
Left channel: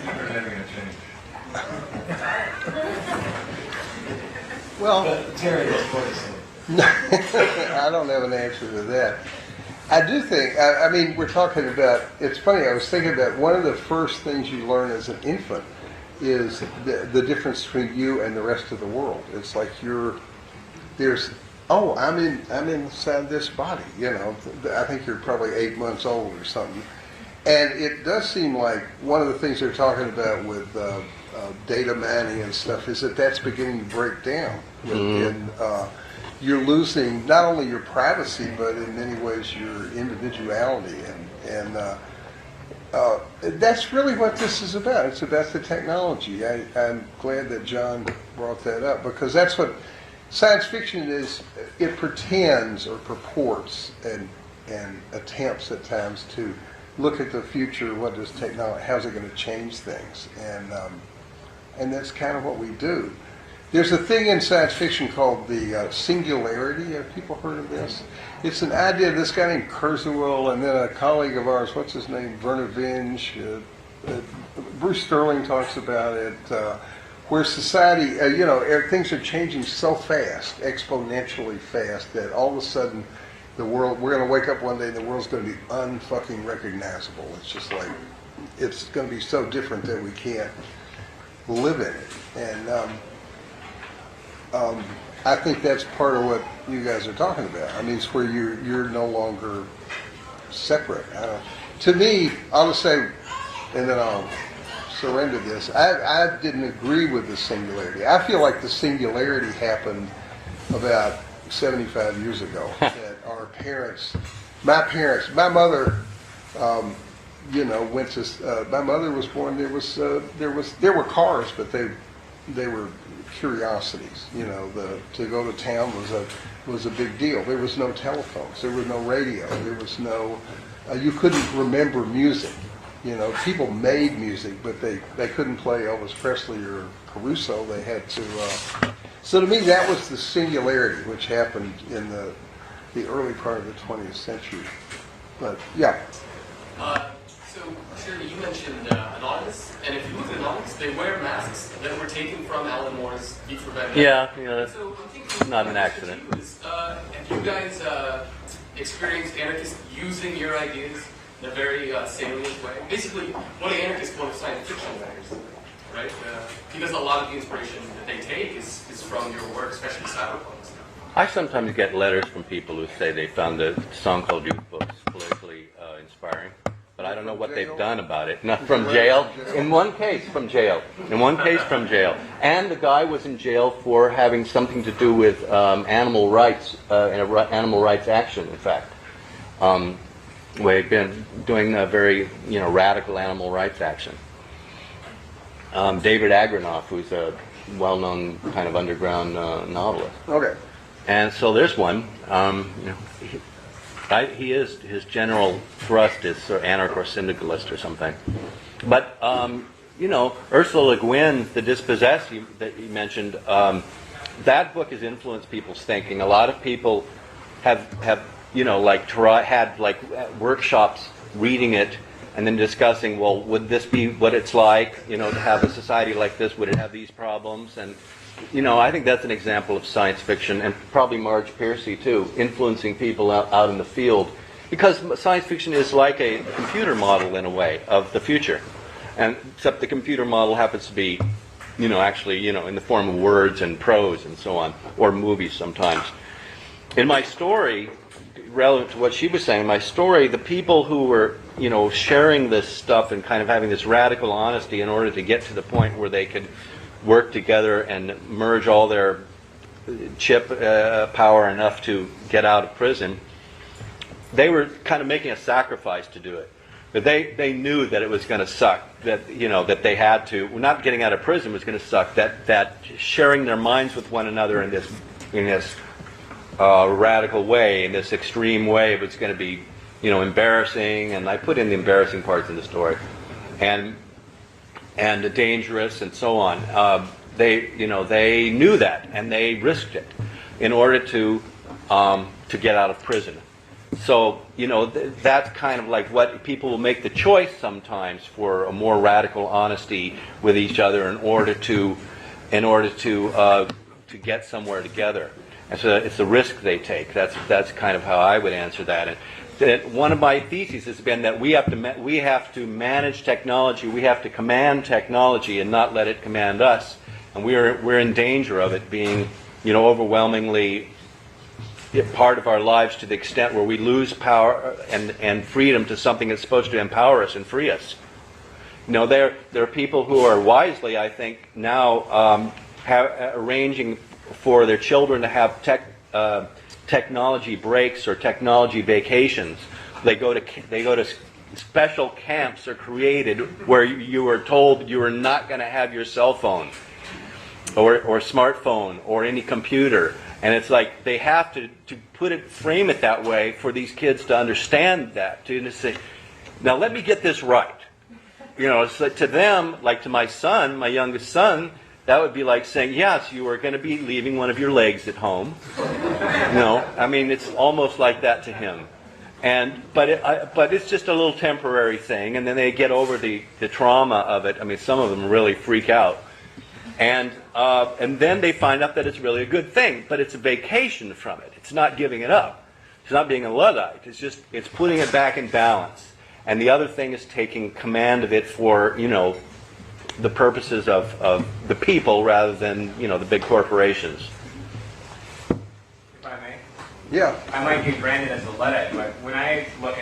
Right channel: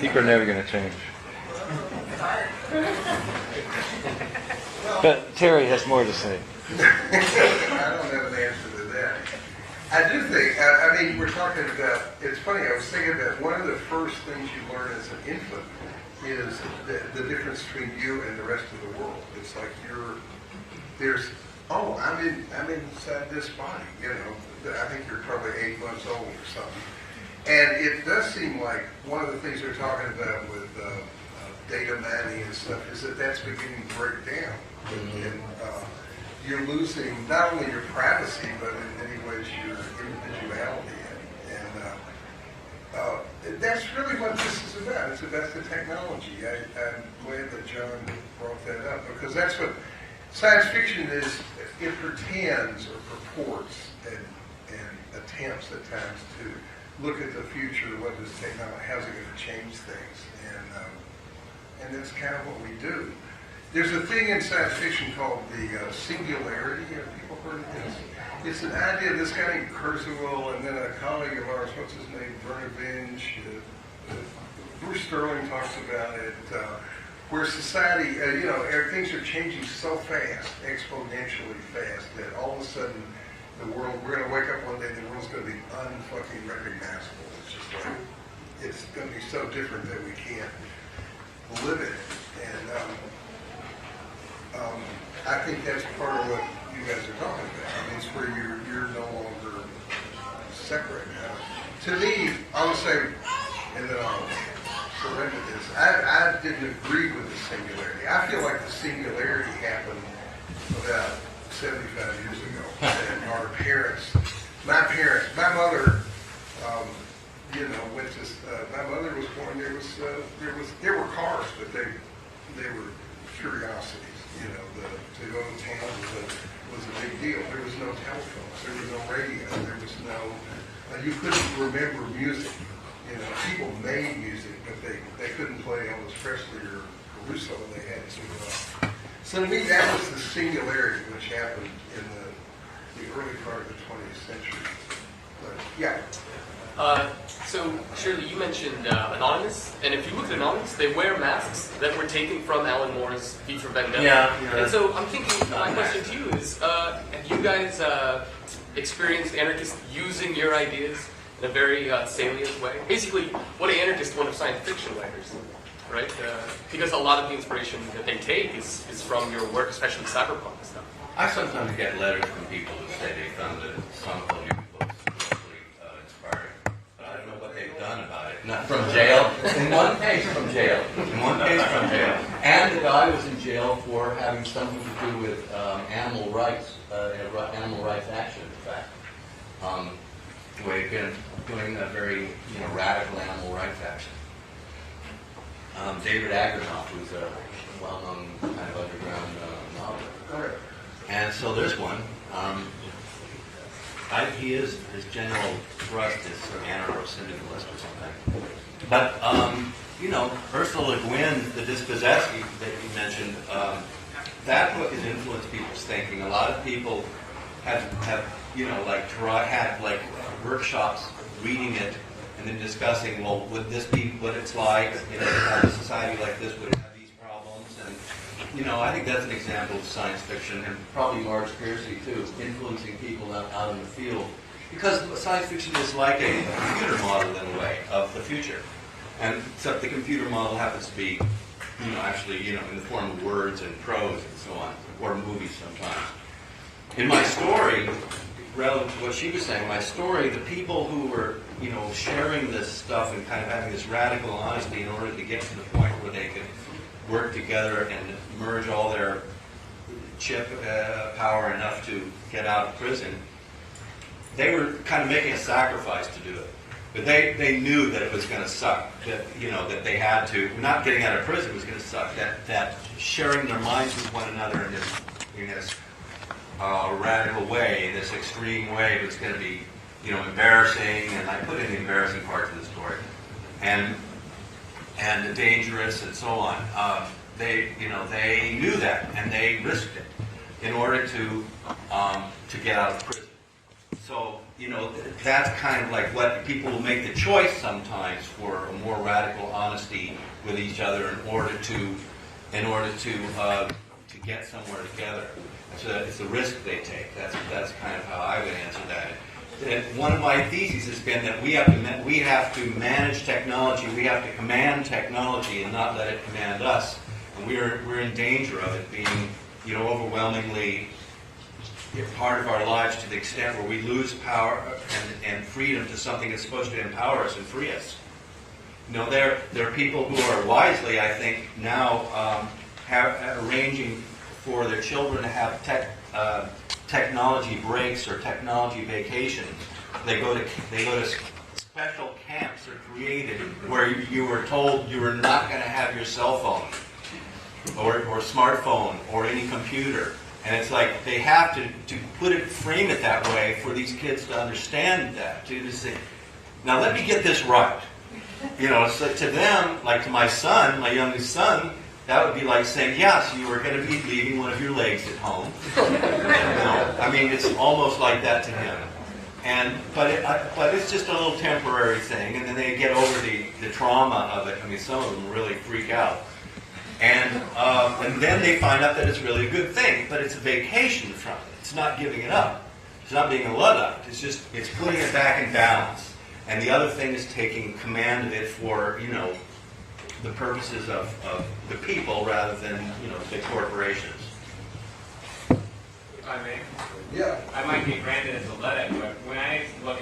People are never going to change. Well, But Terry has more to say. I don't have an answer to that. I do think, I mean, we're talking about, it's funny, I was thinking that one of the first things you learn as an infant is the difference between you and the rest of the world. It's like I'm inside this body, you know. I think you're probably 8 months old or something. And it does seem like one of the things they're talking about with data mining and stuff is that that's beginning to break down. You're losing not only your privacy, but in many ways your individuality. And that's really what this is about. It's about the technology. I'm glad that John brought that up, because that's what science fiction is. It pretends or purports and attempts at times to look at the future. What does technology, how's it going to change things? And that's kind of what we do. There's a thing in science fiction called the singularity. Have people heard of this? It's an idea, this guy named Kurzweil, and then a colleague of ours, what's his name, Werner Vinge, Bruce Sterling talks about it, where society, things are changing so fast, exponentially fast, that all of a sudden the world, we're going to wake up one day and the world's going to be unfucking recognizable. It's just like, it's going to be so different that we can't live in it. And I think that's part of what you guys are talking about. I mean, it's where you're no longer separate. To me, I'll say, and then I'll surrender this, I didn't agree with the singularity. I feel like the singularity happened about 75 years ago. And our parents, my mother, went to, my mother was born, there were cars, but they were curiosities. To go to town was a big deal. There was no telephones, there was no radio, there was no, you couldn't remember music. People made music, but they couldn't play Elvis Presley or Caruso. They had to, so to me that was the singularity which happened in the early part of the 20th century. But yeah. So, Shirley, you mentioned Anonymous, and if you look at Anonymous, they wear masks that were taken from Alan Moore's V for Vendetta. Yeah. And so I'm thinking, Not my an question to accident. you is, have you guys experienced anarchists using your ideas in a very salient way? Basically, what an anarchist, one of science fiction writers, right? Because a lot of the inspiration that they take is from your work, especially cyberpunk stuff. I sometimes get letters from people who say they found the song called Youth Books politically inspiring, but I don't know what they've done about it. Not from jail. In one case from jail. And the guy was in jail for having something to do with animal rights, animal rights action, in fact. Where he'd been doing a very, radical animal rights action. David Agranoff, who's a well-known kind of underground novelist. Okay. And so there's one. His general thrust is sort of anarcho-syndicalist or something. But Ursula Le Guin, The Dispossessed that you mentioned, that book has influenced people's thinking. A lot of people have had workshops reading it and then discussing, well, would this be what it's like, to have a society like this? Would it have these problems? And I think that's an example of science fiction, and probably Marge Piercy too, influencing people out in the field. Because science fiction is like a computer model in a way of the future. And except the computer model happens to be, actually, in the form of words and prose and so on, or movies sometimes. In my story, relevant to what she was saying, my story, the people who were, sharing this stuff and kind of having this radical honesty in order to get to the point where they could work together and merge all their chip power enough to get out of prison, they were kind of making a sacrifice to do it. But they knew that it was going to suck, that that they had to, not getting out of prison was going to suck, that sharing their minds with one another in this radical way, in this extreme way, was going to be embarrassing, and I put in the embarrassing parts of the story, and dangerous and so on. They knew that, and they risked it in order to get out of prison. So that's kind of like what people will make the choice sometimes for a more radical honesty with each other in order to get somewhere together. And so it's the risk they take. That's kind of how I would answer that. And one of my theses has been that we have to manage technology. We have to command technology and not let it command us. And we're in danger of it being, overwhelmingly part of our lives to the extent where we lose power and freedom to something that's supposed to empower us and free us. There are people who are wisely, I think, now arranging for their children to have technology breaks or technology vacations. They go to special camps are created where you are told you are not going to have your cell phone or smartphone or any computer. And it's like they have to frame it that way for these kids to understand that, to say, now let me get this right. It's like to them, like to my son, my youngest son, that would be like saying, yes, you are going to be leaving one of your legs at home. It's almost like that to him. But it's just a little temporary thing, and then they get over the trauma of it. Some of them really freak out. And then they find out that it's really a good thing, but it's a vacation from it. It's not giving it up. It's not being a Luddite. It's putting it back in balance. And the other thing is taking command of it for, the purposes of the people rather than, the big corporations. If I may, Yeah. I might be branded as a Luddite, but when I look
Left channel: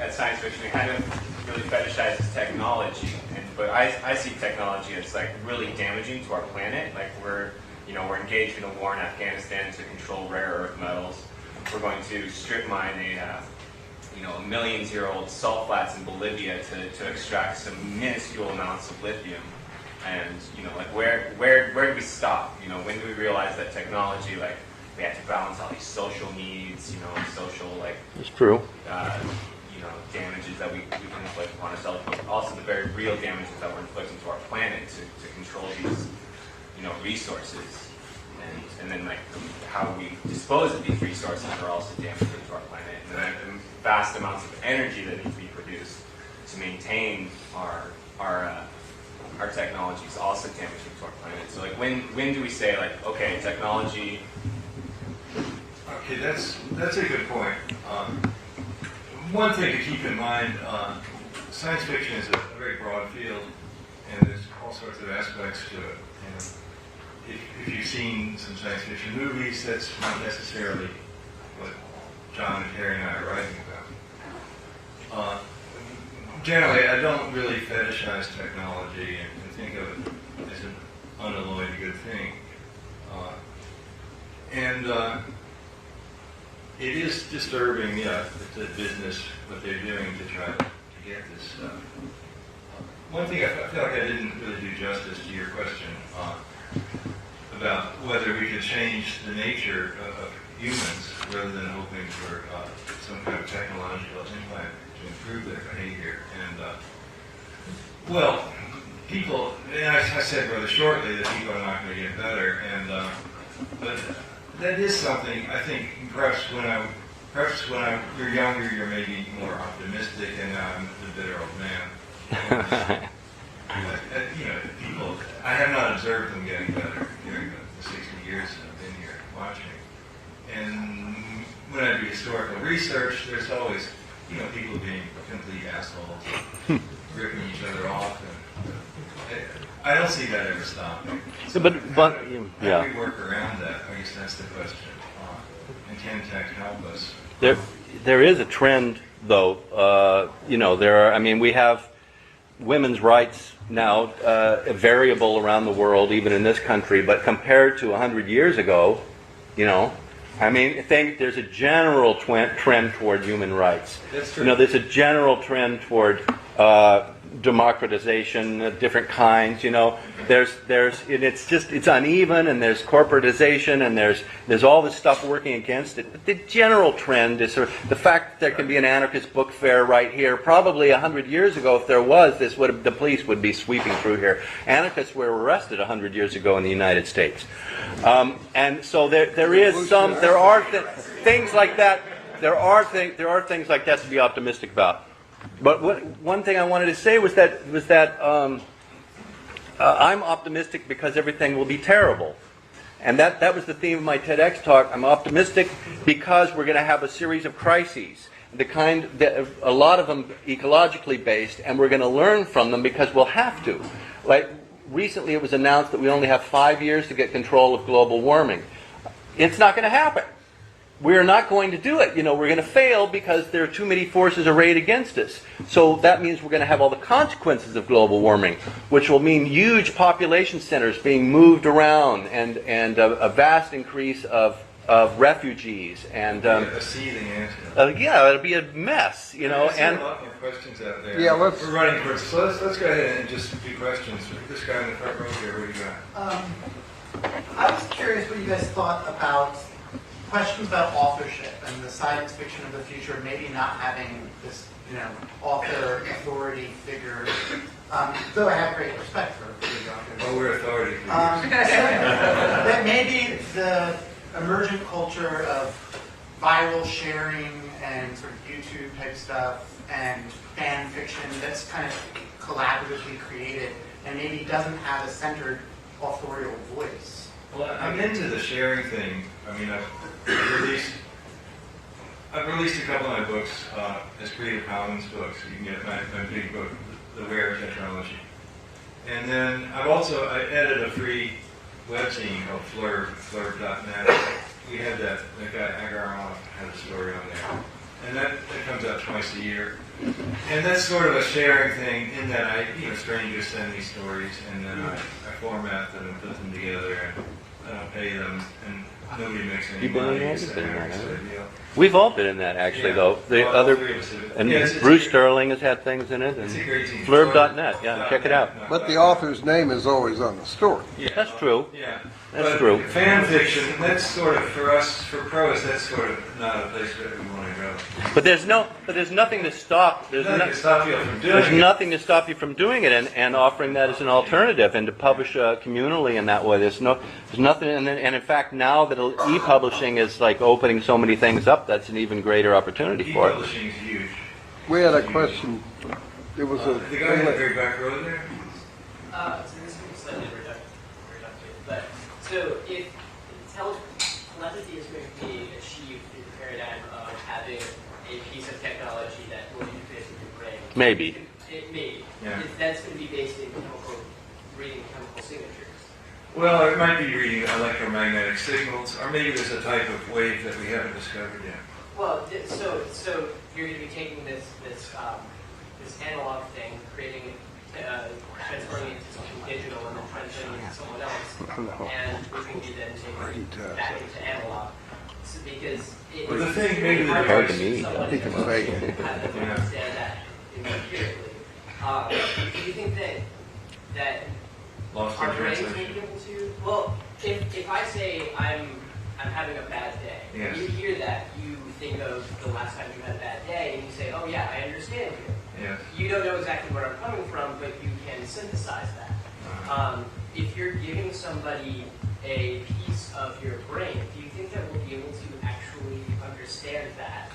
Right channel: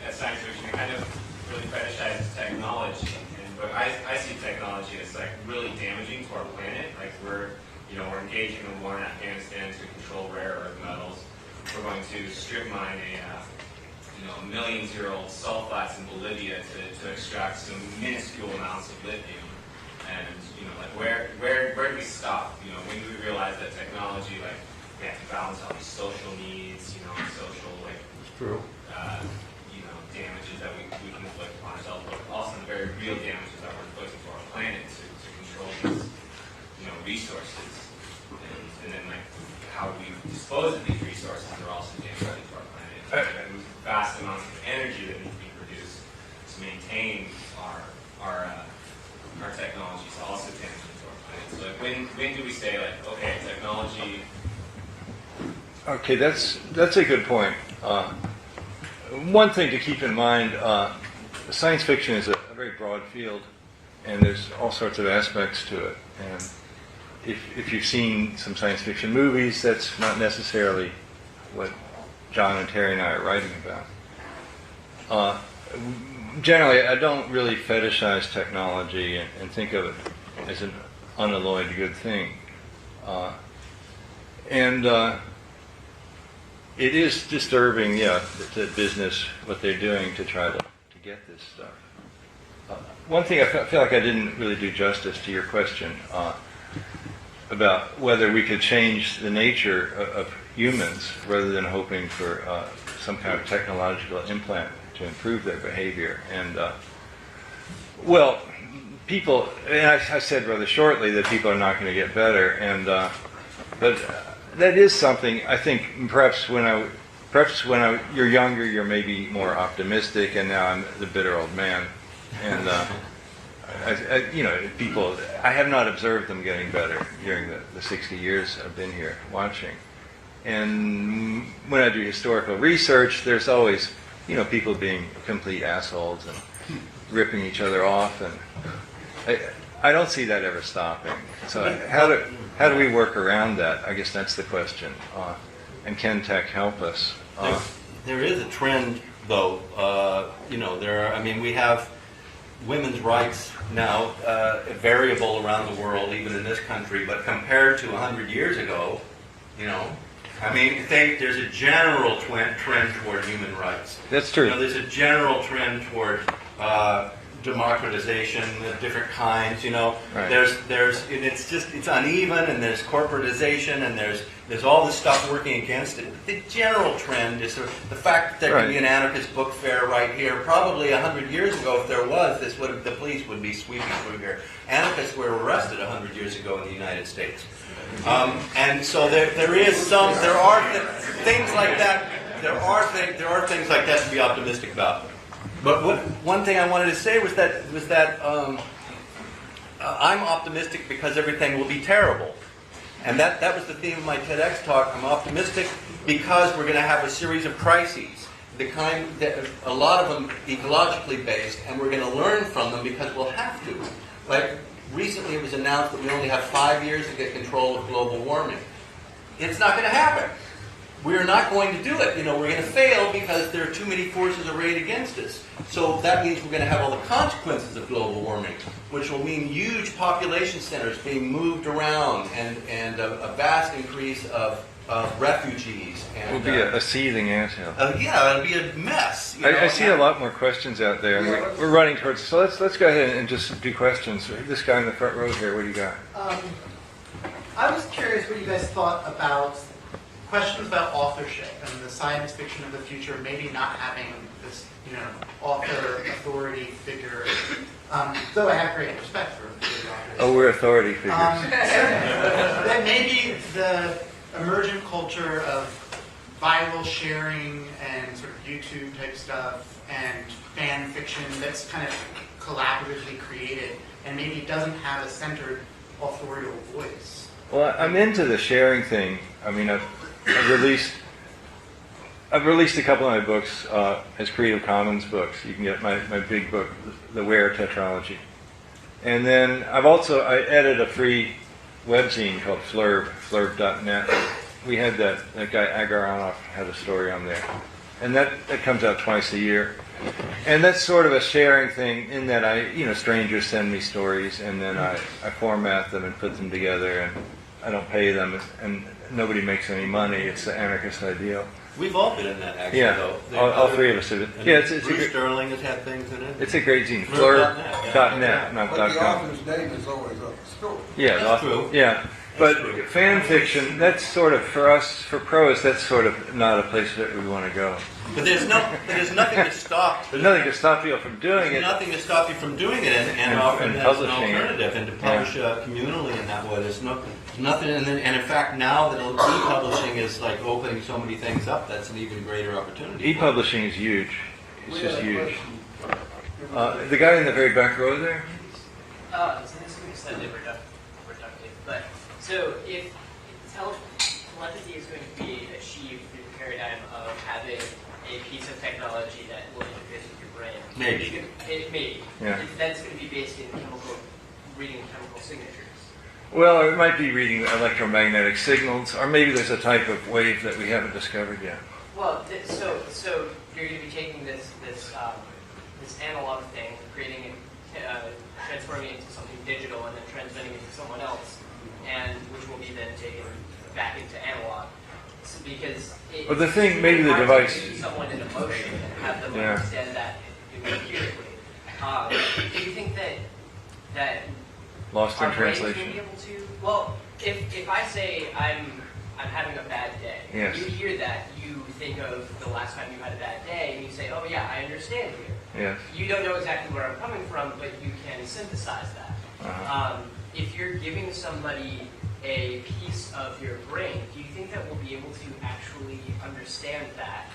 at science fiction, it kind of really fetishizes technology. But I see technology as like really damaging to our planet. Like we're engaged in a war in Afghanistan to control rare earth metals. We're going to strip mine a million-year-old salt flats in Bolivia to extract some minuscule amounts of lithium. And like where do we stop? When do we realize that technology, like we have to balance all these social needs, social like It's true. damages that we can inflict upon ourselves, but also the very real damages that we're inflicting to our planet to control these resources, and then like how we dispose of these resources are also damaging to our planet. And vast amounts of energy that need to be produced to maintain our technology is also damaging to our planet. So like when do we say like, okay, technology? Okay, that's a good point. One thing to keep in mind, science fiction is a very broad field, and there's all sorts of aspects to it. And if you've seen some science fiction movies, that's not necessarily what John and Terry and I are writing about. Generally, I don't really fetishize technology and think of it as an unalloyed good thing. It is disturbing, the business, what they're doing to try to get this. One thing I feel like I didn't really do justice to your question about whether we could change the nature of humans rather than hoping for some kind of technological implant to improve their behavior. And people, and I said rather shortly that people are not going to get better, but that is something I think perhaps when you're younger, you're maybe more optimistic, and now I'm the bitter old man. And people, I have not observed them getting better during the 60 years I've been here watching. And when I do historical research, there's always, people being complete assholes and ripping each other off, and I don't see that ever stopping. So how do we work around that? I guess that's the question. And can tech help us? There is a trend, though. We have women's rights now variable around the world, even in this country. But compared to 100 years ago, there's a general trend toward human rights. That's true. There's a general trend toward democratization of different kinds. Right. It's uneven, and there's corporatization, and there's all this stuff working against it. But the general trend is the fact that there can be an anarchist book fair right here. Probably 100 years ago, if there was, the police would be sweeping through here. Anarchists were arrested 100 years ago in the United States, and so there are things like that. There are things like that to be optimistic about. But one thing I wanted to say was that I'm optimistic because everything will be terrible. And that was the theme of my TEDx talk. I'm optimistic because we're going to have a series of crises, a lot of them ecologically based, and we're going to learn from them because we'll have to. Like recently it was announced that we only have 5 years to get control of global warming. It's not going to happen. We're not going to do it. We're going to fail because there are too many forces arrayed against us. So that means we're going to have all the consequences of global warming, which will mean huge population centers being moved around and a vast increase of refugees. And It'll be a seething anthill. it'll be a mess. I see a lot more questions out there. Yeah, we're running towards. So let's go ahead and just do questions. This guy in the front row here. What do you got? I was curious what you guys thought about questions about authorship and the science fiction of the future maybe not having this, author authority figure. Though I have great respect for the authors. Oh, we're authority figures. That maybe the emergent culture of viral sharing and sort of YouTube type stuff and fan fiction that's kind of collaboratively created and maybe doesn't have a centered authorial voice. Well, I'm into the sharing thing. I've released I've released a couple of my books as Creative Commons books. You can get my big book, The Ware Tetralogy. And then I edited a free webzine called flurb.net. We had that guy Agaronov had a story on there. And that comes out twice a year. And that's sort of a sharing thing in that strangers send me stories and then I format them and put them together and I don't pay them and nobody makes any money. It's the anarchist ideal. We've all been in that, actually, Yeah. though. The All other three of us have. And Yeah, Bruce Sterling has had things in it. It's a great zine. Flurb.net, yeah, check it out. not But the .com. author's name is always on the story. Yeah, That's true. Yeah. That's But true. fan fiction, that's sort of, for us, for pros, that's sort of not a place that we want to go. But there's nothing to stop. There's nothing to stop you from doing There's it. nothing to stop you from doing it and offering and that as an publishing. alternative and to publish communally in that way. There's nothing, and in fact now that e-publishing is like opening so many things up, that's an even greater opportunity for it. E-publishing is huge. We It's had a huge. question. It was The guy in the very back row there? So this will be slightly reductive, but so if telepathy is going to be achieved through the paradigm of having a piece of technology that will interface with your brain. Maybe. Maybe. Yeah. That's going to be based in reading chemical signatures. Well, it might be reading electromagnetic signals, or maybe there's a type of wave that we haven't discovered yet. Well, so you're going to be taking this analog thing, creating it, transforming it into something digital, and then translating it to someone else, and which will be then taken back into analog. So because Well, the thing, maybe the hard to device. teach someone to have them Yeah. understand that empirically. Do you think that Lost in our brains will translation. be able to? Well, if I say I'm having a bad day, Yes. you hear that, you think of the last time you had a bad day, and you say, oh yeah, I understand you. Yes. You don't know exactly where I'm coming from, but you can synthesize that. If you're giving somebody a piece of your brain, do you think that we'll be able to actually understand that?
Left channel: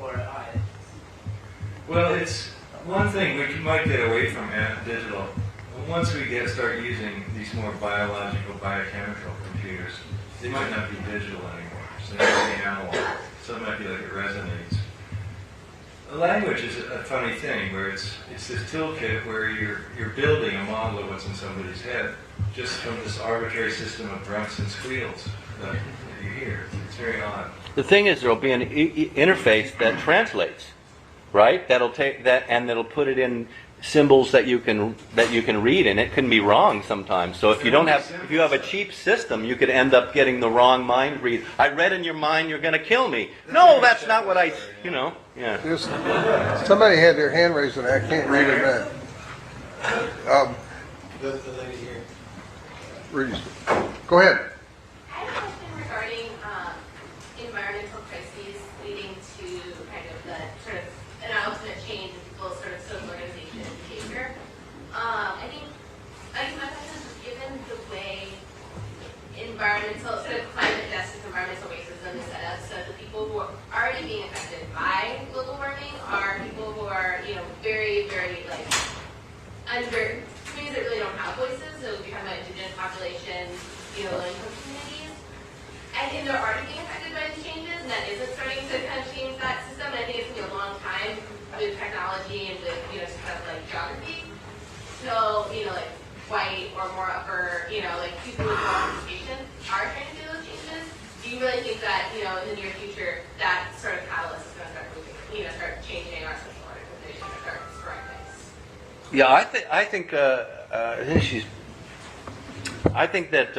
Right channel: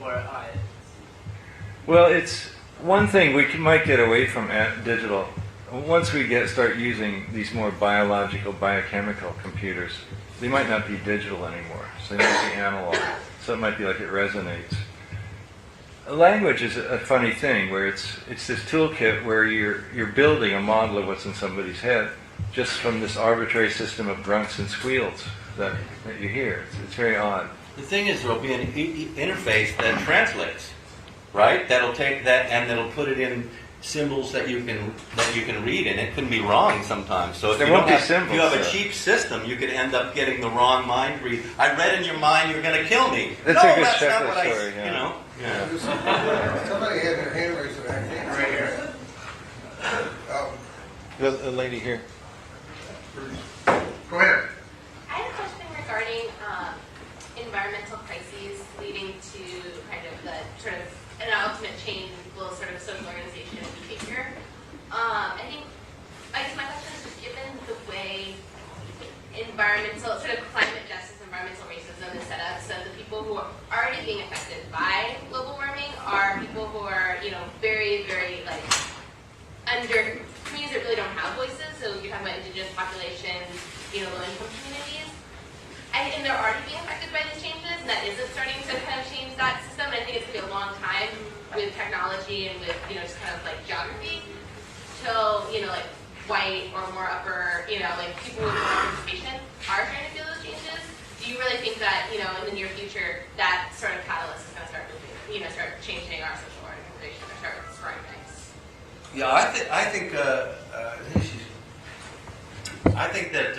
Or Well, it's one thing we might get away from digital. Once we start using these more biological, biochemical computers, they might not be digital anymore. So they might be analog. So it might be like it resonates. Language is a funny thing where it's this toolkit where you're building a model of what's in somebody's head just from this arbitrary system of grunts and squeals that you hear. It's very odd. The thing is, there'll be an interface that translates, right? That'll take that and that'll put it in symbols that you can read, and it can be wrong sometimes. So if There you won't don't be have symbols, if you have a though. cheap system, you could end up getting the wrong mind read. I read in your mind you're going to kill me. That's a No, good that's not checklist what I. story, yeah. You know. Yeah. Somebody had their hand raised and I can't read it now. The lady here. Rudy, go ahead. I have a question regarding environmental crises leading to kind of the sort of an ultimate change in people's sort of social organization and behavior. I guess my question is, given the way environmental, sort of climate justice, environmental racism is set up, so the people who are already being affected by global warming are people who are, very, very under communities that really don't have voices. So you're talking about indigenous populations, low-income communities. And they're already being affected by these changes, and that is starting to kind of change that system. And I think it's going to be a long time with technology and with, just kind of geography till, white or more upper, people with more participation are trying to do those changes. Do you really think that, in the near future, that sort of catalyst is going to start moving, start changing our social organization or start spurring things? Yeah, I think that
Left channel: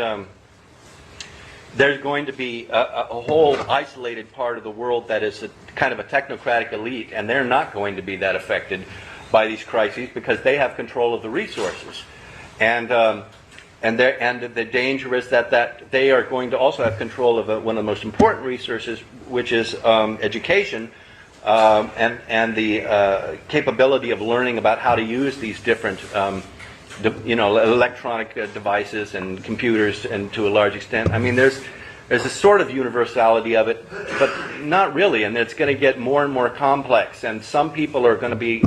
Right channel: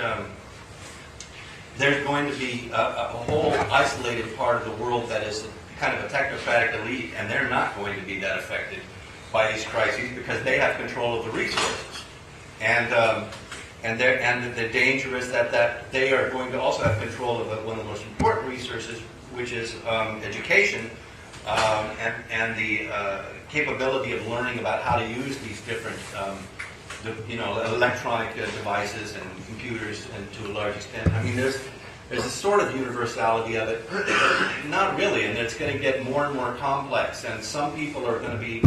there's going to be a whole isolated part of the world that is kind of a technocratic elite, and they're not going to be that affected by these crises because they have control of the resources, and the danger is that they are going to also have control of one of the most important resources, which is education. And the capability of learning about how to use these different, electronic devices and computers, and to a large extent, I mean, there's a sort of universality of it, but not really, and it's going to get more and more complex. And some people are going to be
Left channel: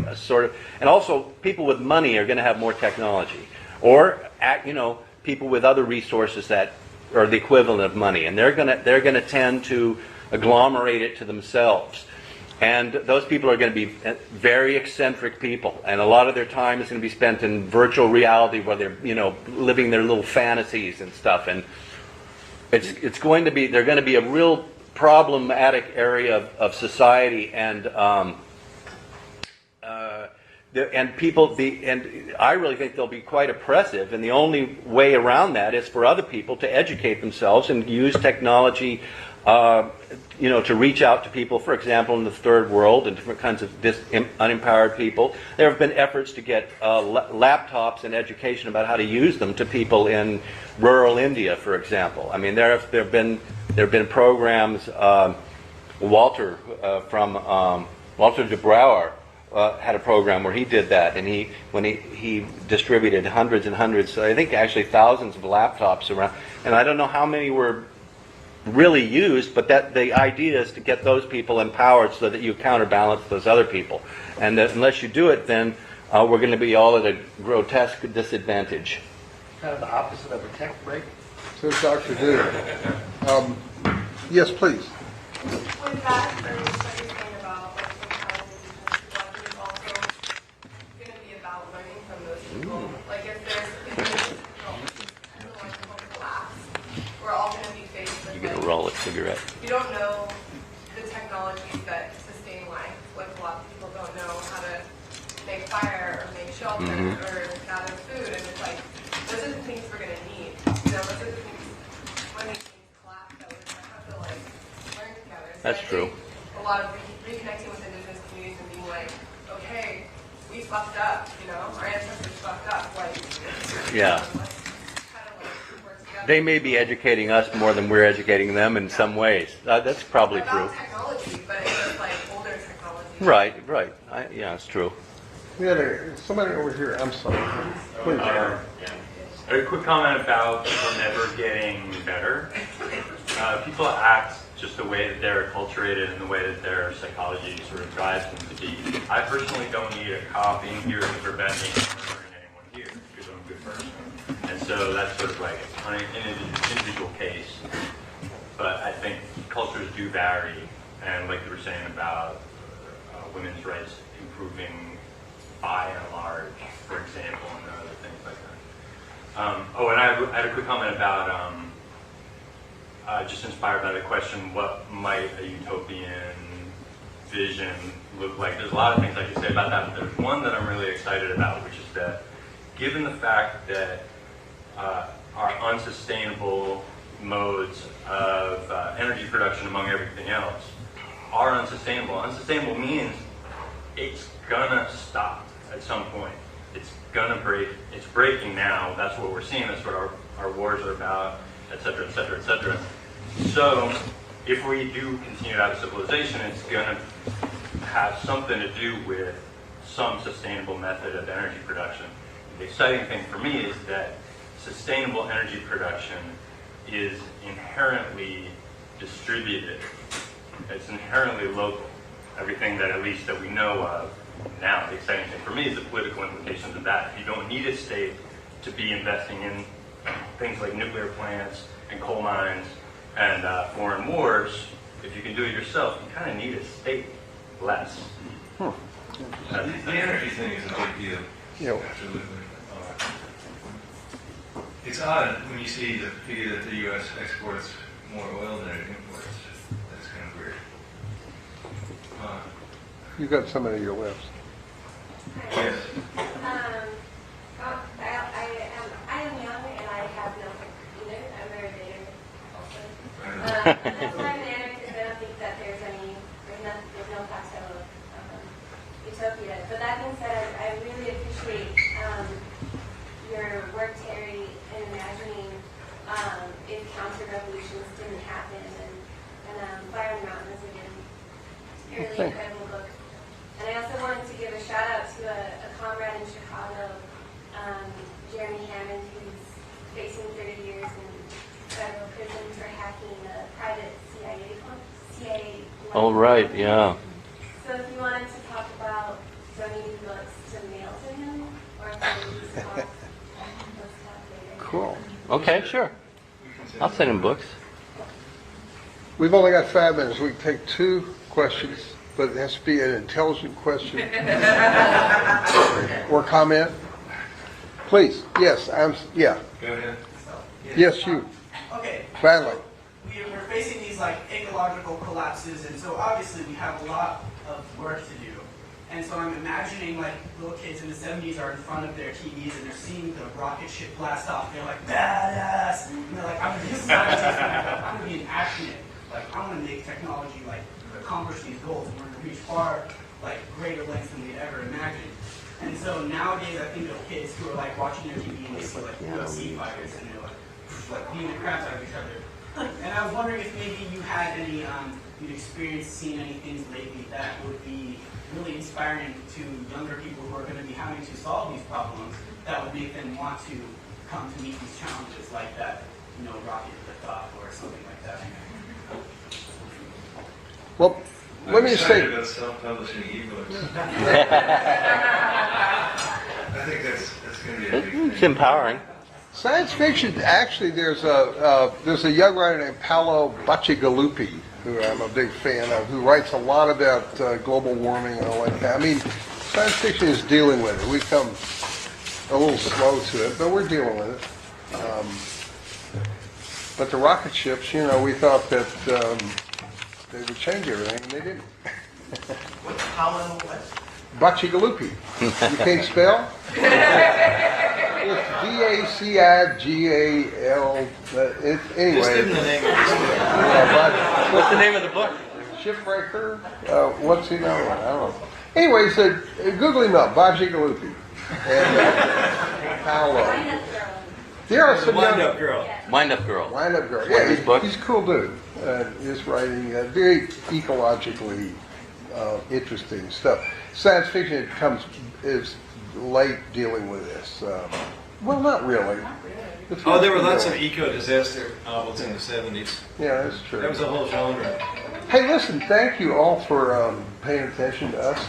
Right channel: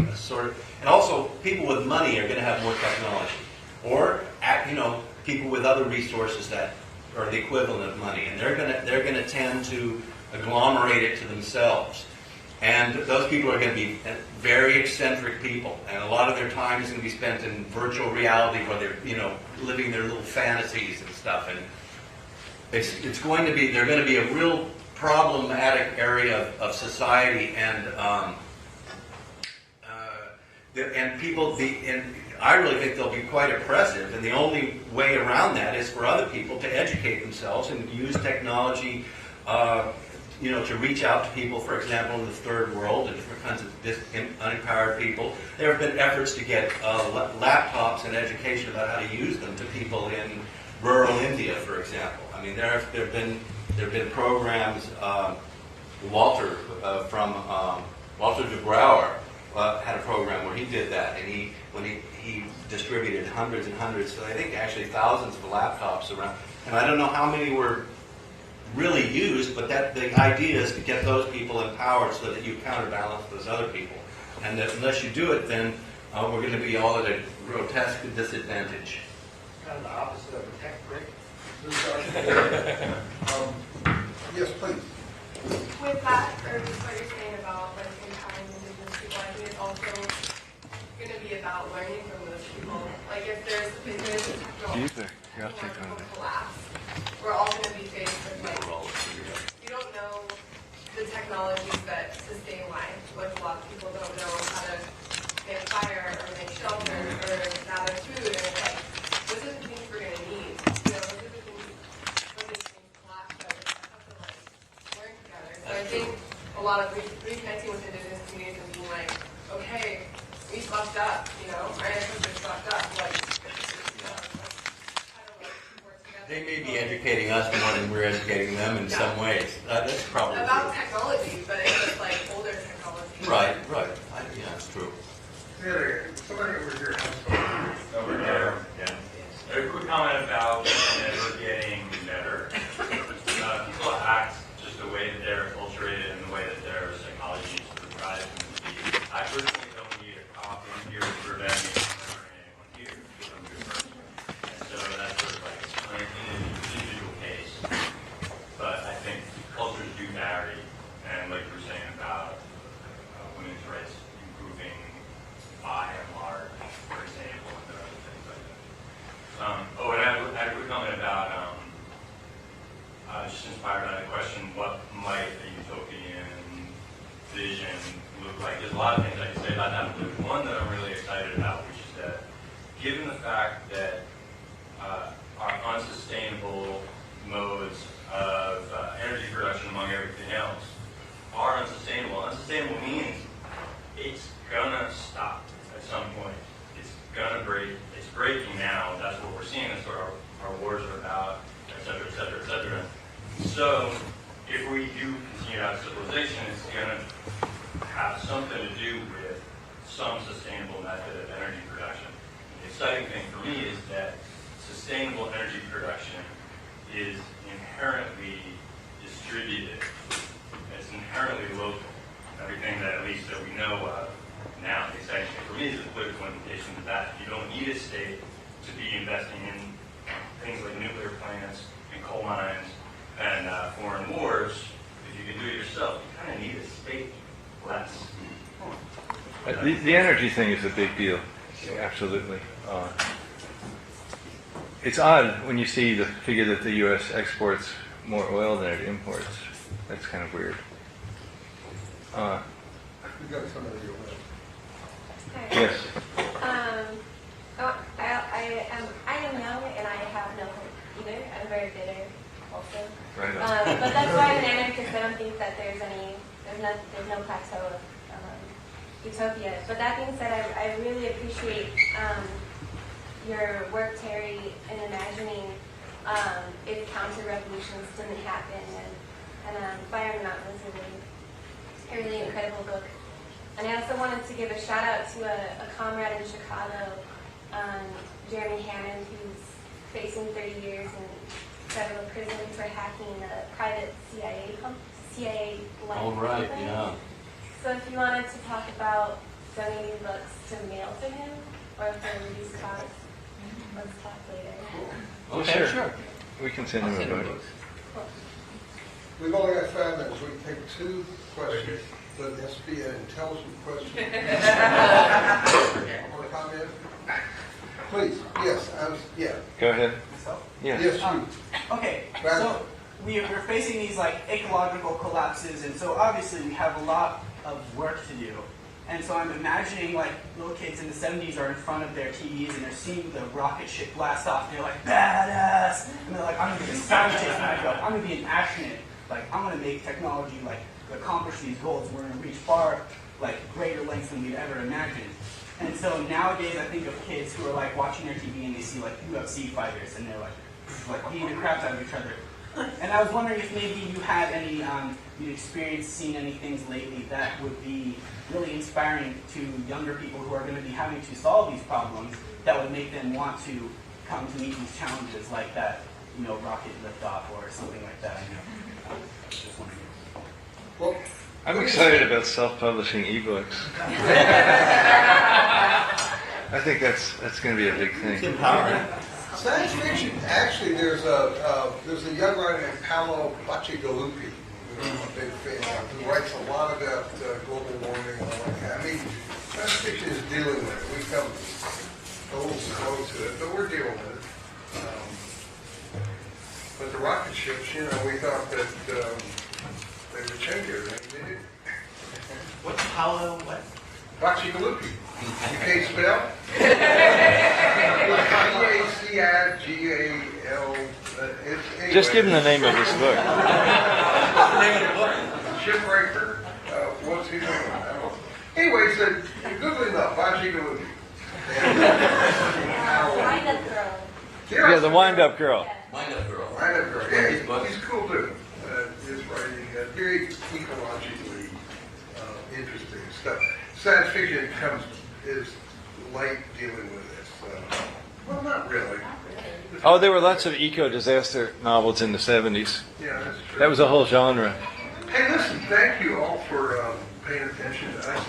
and also people with money are going to have more technology, or people with other resources that are the equivalent of money, and they're going to tend to agglomerate it to themselves. And those people are going to be very eccentric people, and a lot of their time is going to be spent in virtual reality, where they're, you know, living their little fantasies and stuff. And it's going to be, they're going to be a real problematic area of society, and I really think they'll be quite oppressive. And the only way around that is for other people to educate themselves and use technology. You know, to reach out to people, for example, in the third world and different kinds of unempowered people. There have been efforts to get laptops and education about how to use them to people in rural India, for example. I mean, there have been programs. Walter de Brouwer had a program where he did that, and he distributed hundreds and hundreds, I think actually thousands of laptops around, and I don't know how many were really used, but that the idea is to get those people empowered so that you counterbalance those other people. And that unless you do it, then we're going to be all at a grotesque disadvantage. Kind of the opposite of a tech break. So, Dr. Good. Yes, please. With that, or just what you're saying about like empowering indigenous people, I think it's also going to be about learning from those people. Like if there's collapse, we're all going to be faced with You get a roll of cigarette. you don't know the technologies that sustain life. Like a lot of people don't know how to make fire or make shelter or gather food, and it's like those are the things we're going to need. You know, those are the things when these things collapse that we're going to have to like learn together. So That's I true. think a lot of reconnecting with indigenous communities and being like, okay, we fucked up. You know, our ancestors fucked up. Like, Yeah. let's kind of like work together. They may be educating us more than we're educating them in some ways. That's probably true. About technology, but it's just like older technology. Right. Yeah, it's true. We had somebody over here. I'm sorry. A quick comment about people never getting better. People act just the way that they're acculturated and the way that their psychology sort of drives them to be. I personally don't need a cop in here to prevent me from murdering anyone here because I'm a good person. And so that's sort of like an individual case. But I think cultures do vary, and like you were saying about women's rights improving by and large, for example, and other things like that. And I had a quick comment about, just inspired by the question, what might a utopian vision look like? There's a lot of things I can say about that, but there's one that I'm really excited about, which is that given the fact that our unsustainable modes of energy production, among everything else, are unsustainable. Unsustainable means it's gonna stop at some point. It's gonna break. It's breaking now. That's what we're seeing. That's what our wars are about, et cetera, et cetera, et cetera. So if we do continue to have a civilization, it's gonna have something to do with some sustainable method of energy production. The exciting thing for me is that sustainable energy production is inherently distributed. It's inherently local. Everything that, at least that we know of now, the exciting thing for me is the political implications of that. You don't need a state to be investing in things like nuclear plants and coal mines and foreign wars. If you can do it yourself, you kind of need a state less. The energy thing is a big deal. Absolutely. It's odd when you see the figure that the U.S. exports more oil than it imports. That's kind of weird. You've got somebody on your lips. Yes. I am young and I have no either. I'm very bitter also. Right on. But that's why an anarchist, I don't think that there's no plateau of utopia. But that being said, I really appreciate your work, Terry, in imagining if counter-revolutions didn't happen. And Fire on the Mountain is a really incredible book. And I also wanted to give a shout out to a comrade in Chicago, Jeremy Hammond, who's facing 30 years in federal prison for hacking a private CIA. All right, yeah. So if you wanted to talk about donating books to mail to him or to these costs, let's talk later. Cool. Okay, sure. We can send I'll send him a book. books. We've only got 5 minutes. We can take 2 questions, but it has to be an intelligent question or comment. Please, yes, yeah. Go ahead. Yeah. Yes, you. Okay, Badly. so we're facing these like ecological collapses, and so obviously we have a lot of work to do. And so I'm imagining like little kids in the 70s are in front of their TVs and they're seeing the rocket ship blast off. They're like, badass! And they're like, I'm gonna be a scientist, I'm gonna be an actionist. Like, I'm gonna make technology like accomplish these goals. We're gonna reach far, like greater lengths than we'd ever imagined. And so nowadays I think of kids who are like watching their TV and they see like sea fighters and they're like beating the crap out of each other. And I was wondering if maybe you had any, you experienced seeing any things lately that would be really inspiring to younger people who are going to be having to solve these problems that would make them want to come to meet these challenges like that, rocket liftoff or something like that. Well, I'm let me excited say, about self-publishing ebooks. I think that's going to be a big thing. It's empowering. science fiction, actually, there's a young writer named Paolo Bacigalupi, who I'm a big fan of, who writes a lot about global warming and all like that. I mean, science fiction is dealing with it. We've come a little slow to it, but we're dealing with it. But the rocket ships, we thought that they would change everything, and they didn't. What's Paolo, what? Bacigalupi. You can't spell? Bacigal. Anyway. Just give him the name of this book. What's the name of the book? Shipbreaker. What's he doing? I don't know. Anyway, he said, Google him up, Bacigalupi. Yeah, the wind-up girl. Wind-up Girl. Wind-up girl. One Yeah, of his books? he's a cool dude. Just writing very ecologically interesting stuff. Science fiction is late dealing with this. Well, not really. It's Oh, there were not lots of really. eco-disaster novels in the 70s. Yeah, that's true. That was a whole genre. Hey, listen, thank you all for paying attention to us.